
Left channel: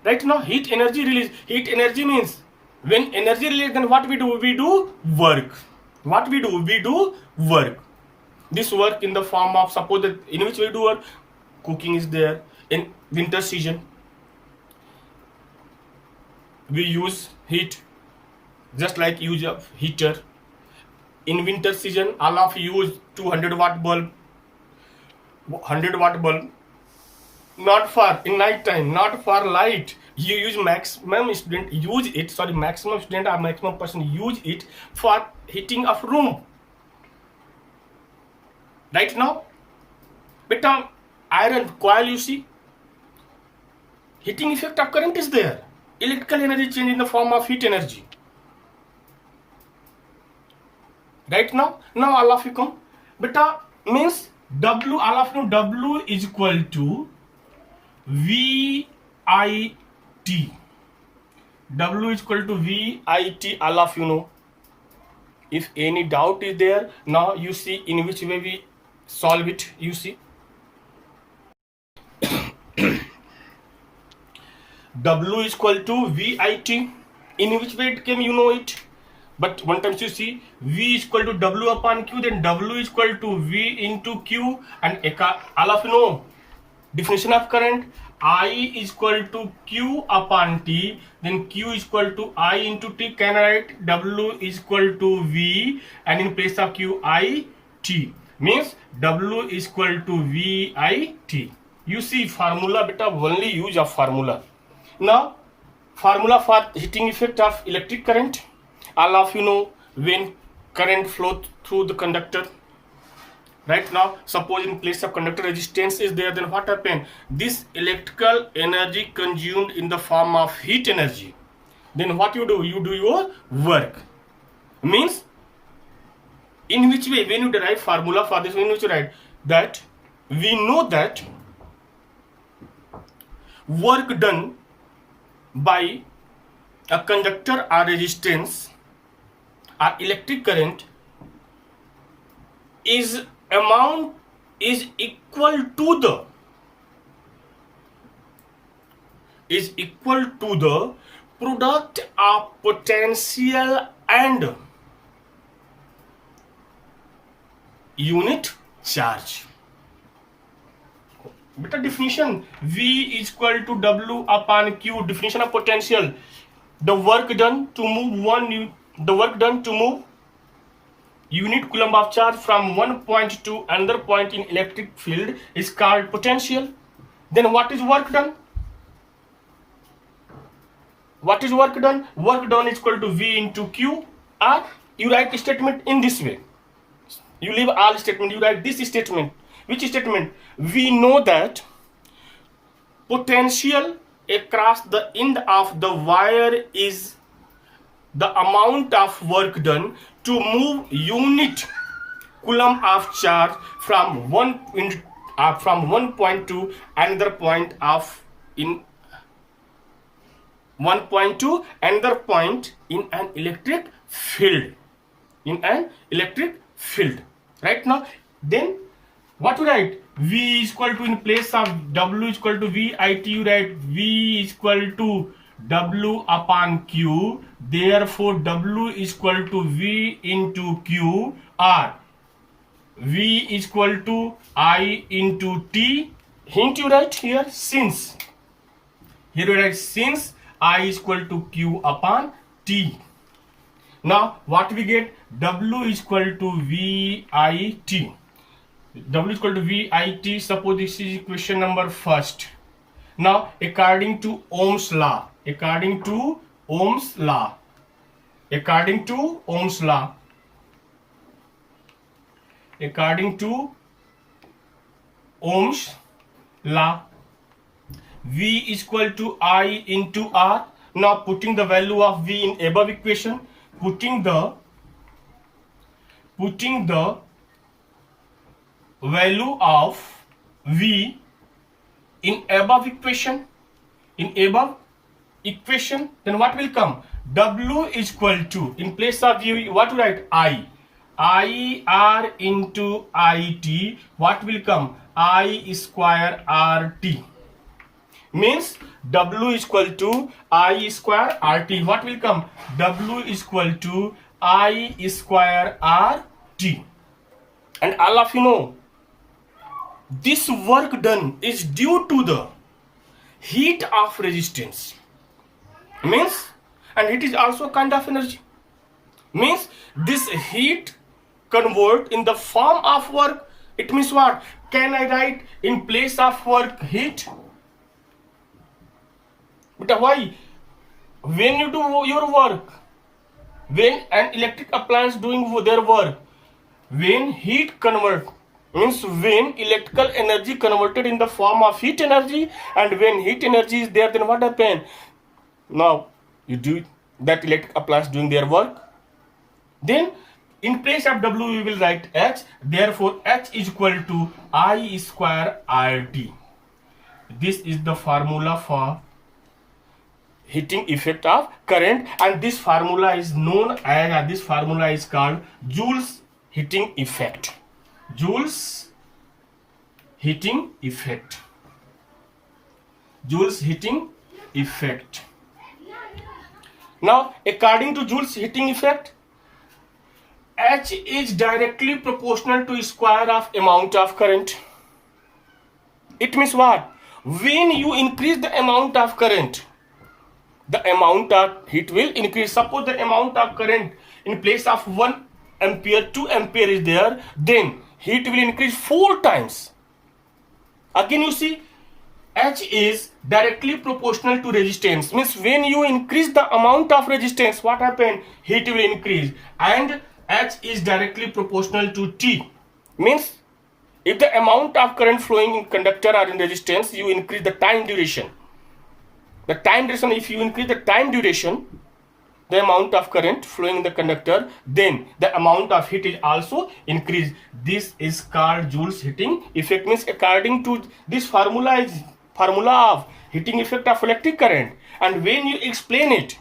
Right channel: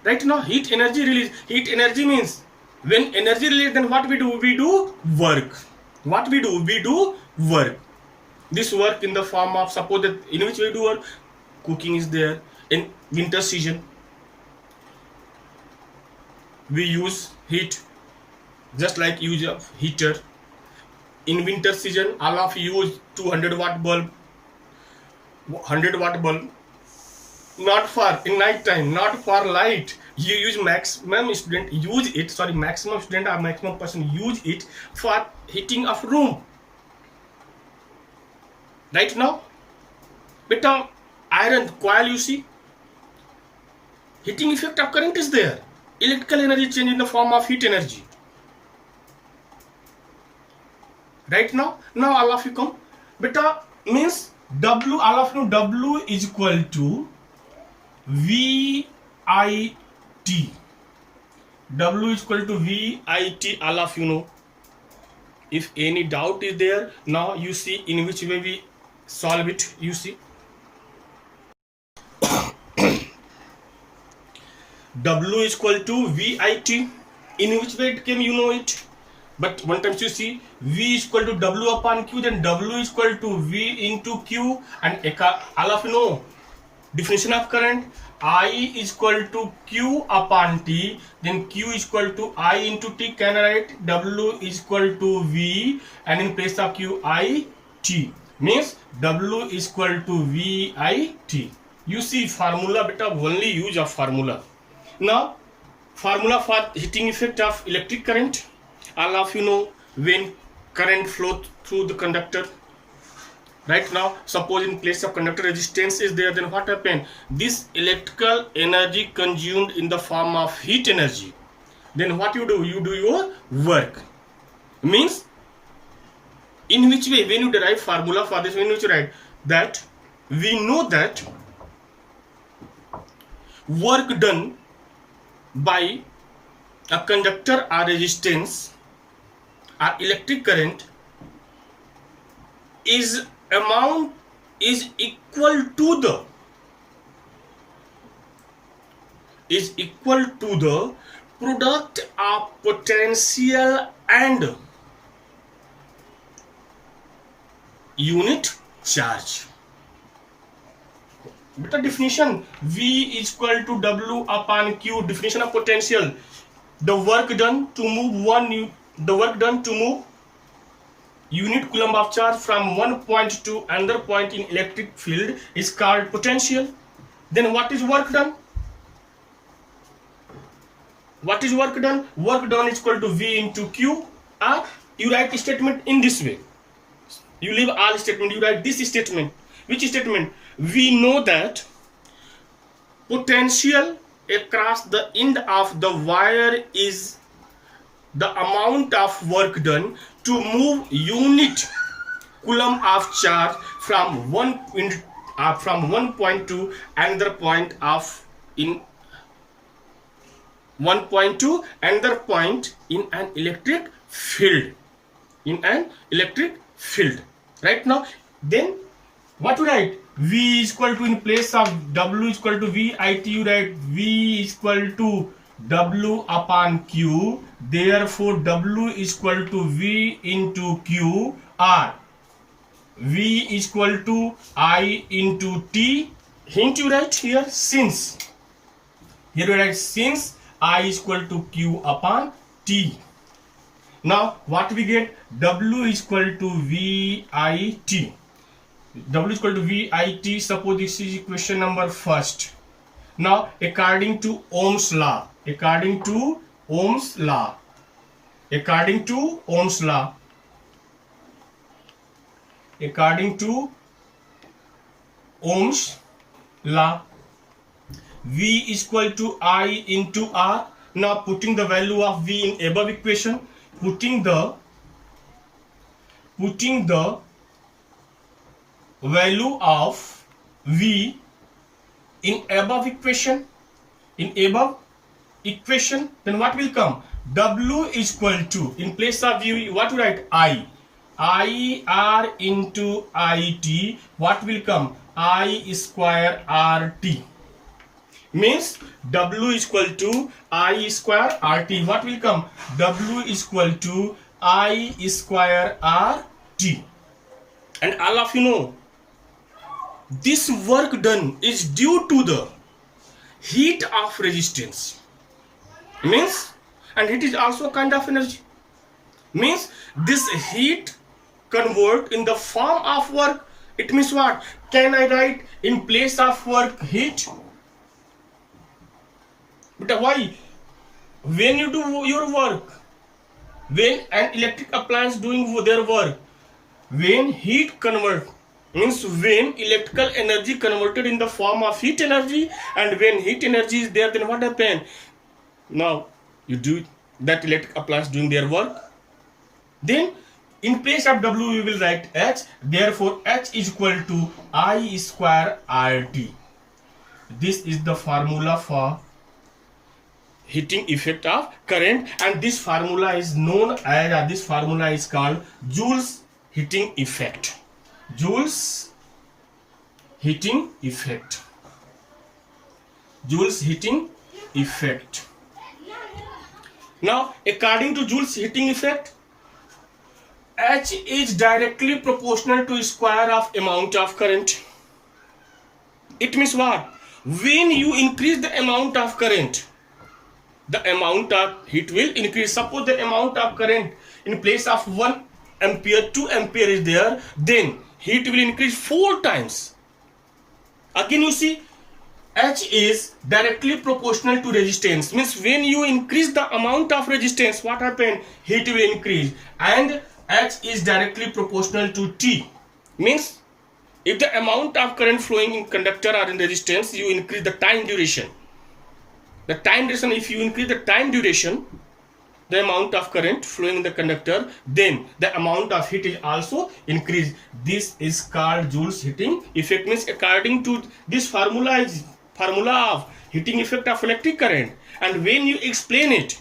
Right now, heat energy release. Heat energy means when energy release, then what we do? We do work. What we do? We do work. This work in the form of, suppose that in which we do work, cooking is there. In winter season, we use heat, just like use of heater. In winter season, all of you use 200 watt bulb, 100 watt bulb. Not for in night time, not for light. You use maximum student use it. Sorry, maximum student or maximum person use it for heating of room. Right now, beta iron coil, you see, heating effect of current is there. Electrical energy change in the form of heat energy. Right now all of you come. Beta means W, all of you, W is equal to VIT. W is equal to VIT, all of you know. If any doubt is there, now you see in which way we solve it. You see, W is equal to VIT. In which way it came, you know it. But one time you see V is equal to W upon Q, then W is equal to V into Q, and all of you know definition of current. I is equal to Q upon T, then Q is equal to I into T. Can I write W is equal to V, and in place of Q, I T, means W is equal to V I T. You see formula, beta, only use of formula. Now formula for heating effect of electric current. All of you know when current flow through the conductor. Right now, suppose in place of conductor resistance is there, then what happen? This electrical energy consumed in the form of heat energy. Then what you do? You do your work. Means in which way? When you derive formula for this, when you write that, we know that work done by a conductor or resistance or electric current is equal to the product of potential and unit charge. Beta definition, V is equal to W upon Q. Definition of potential, the work done to move unit coulomb of charge from one point to another point in electric field is called potential. Then what is work done? What is work done? Work done is equal to V into Q, or you write the statement in this way. You leave all statement, you write this statement. Which statement? We know that potential across the end of the wire is the amount of work done to move unit coulomb of charge from one point to another point in an electric field. Right now, then what you write? V is equal to, in place of W is equal to VIT, you write V is equal to W upon Q. Therefore, W is equal to V into Q, or V is equal to I into T. Hint you write here since. Here you write since I is equal to Q upon T. Now what we get? W is equal to VIT. W is equal to VIT. Suppose this is equation number first. Now according to Ohm's law, according to Ohm's law, according to Ohm's law, according to Ohm's law, V is equal to I into R. Now putting the value of V in above equation, putting the value of V in above equation, then what will come? W is equal to, in place of V, what to write? I R into IT. What will come? I square RT. Means W is equal to I square RT. What will come? W is equal to I square RT. And all of you know, this work done is due to the heat of resistance. Means, and it is also a kind of energy. Means this heat convert in the form of work. It means what? Can I write in place of work heat? But why? When you do your work, when an electric appliance doing their work, when heat convert, means when electrical energy converted in the form of heat energy, and when heat energy is there, then what happen? Now you do that electric appliance doing their work, then in place of W we will write H. Therefore H is equal to I square RT. This is the formula for heating effect of current, and this formula is known as, this formula is called Joule's heating effect. Joule's heating effect. Joule's heating effect. Now according to Joule's heating effect, H is directly proportional to square of amount of current. It means what? When you increase the amount of current, the amount of heat will increase. Suppose the amount of current in place of 1 ampere, 2 ampere is there, then heat will increase 4 times. Again you see, H is directly proportional to resistance. Means when you increase the amount of resistance, what happen? Heat will increase. And H is directly proportional to T. Means if the amount of current flowing in conductor or in resistance, you increase the time duration. The time duration, if you increase the time duration, the amount of current flowing in the conductor, then the amount of heat is also increased. This is called Joule's heating effect. Means according to this formula is formula of heating effect of electric current. And when you explain it,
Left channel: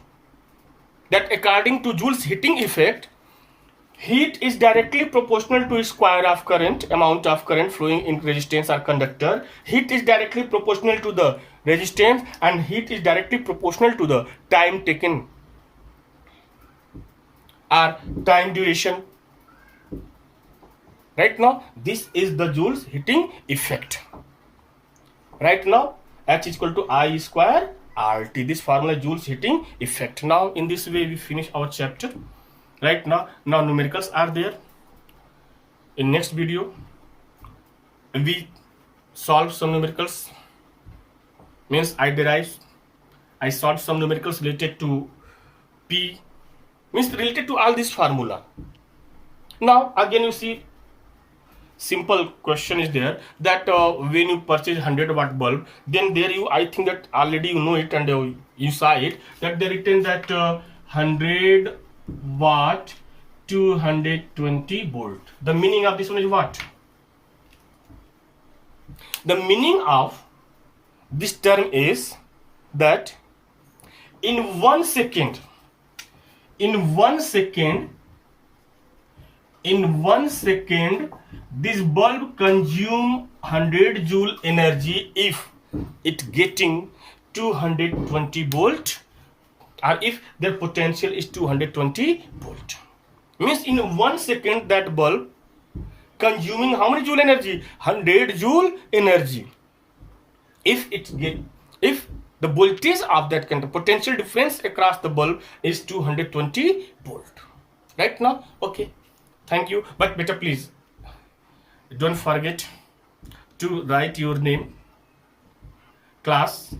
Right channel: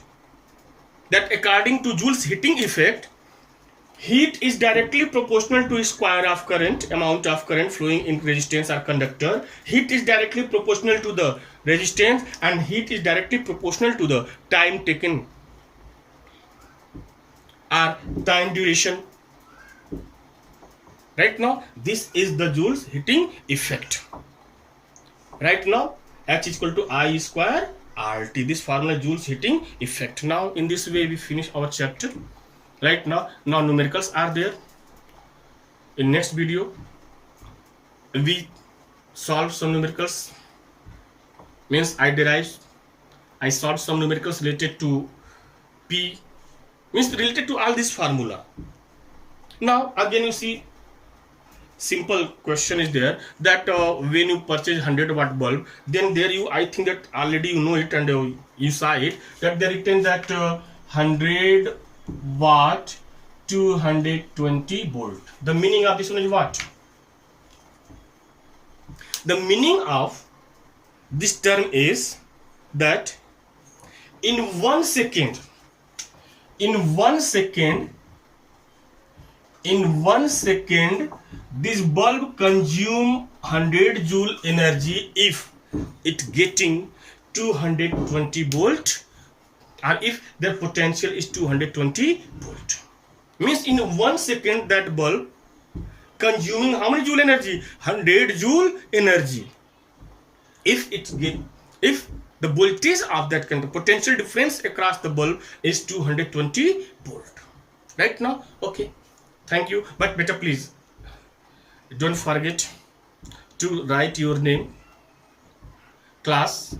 that according to Joule's heating effect, heat is directly proportional to square of current, amount of current flowing in resistance or conductor. Heat is directly proportional to the resistance, and heat is directly proportional to the time taken or time duration. Right now, this is the Joule's heating effect. Right now, H is equal to I square RT. This formula Joule's heating effect. Now, in this way, we finish our chapter. Right now numericals are there. In next video, we solve some numericals. Means I solved some numericals related to P. Means related to all this formula. Now again you see, simple question is there that when you purchase 100 watt bulb, then there you, I think that already you know it and you saw it, that they written that 100 watt 220 volt. The meaning of this one is what? The meaning of this term is that in 1 second, this bulb consume 100 joule energy if it getting 220 volt, or if the potential is 220 volt. Means in 1 second that bulb consuming how many joule energy? 100 joule energy. If the voltage of that kind of potential difference across the bulb is 220 volt. right now. Okay, thank you. But beta, please don't forget to write your name, class,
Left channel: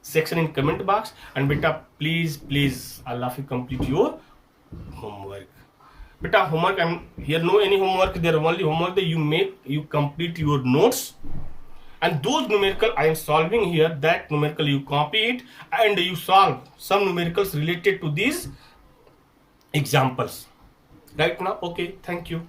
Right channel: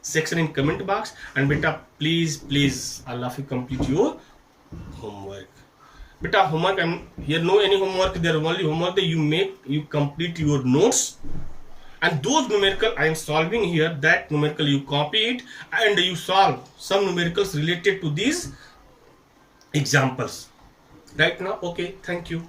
section in comment box. And beta, please all of you complete your homework. Beta, homework, I'm here, no any homework, there only homework that you make, you complete your notes. And those numerical I am solving here, that numerical you copy it and you solve some numericals related to these examples right now. Okay, thank you.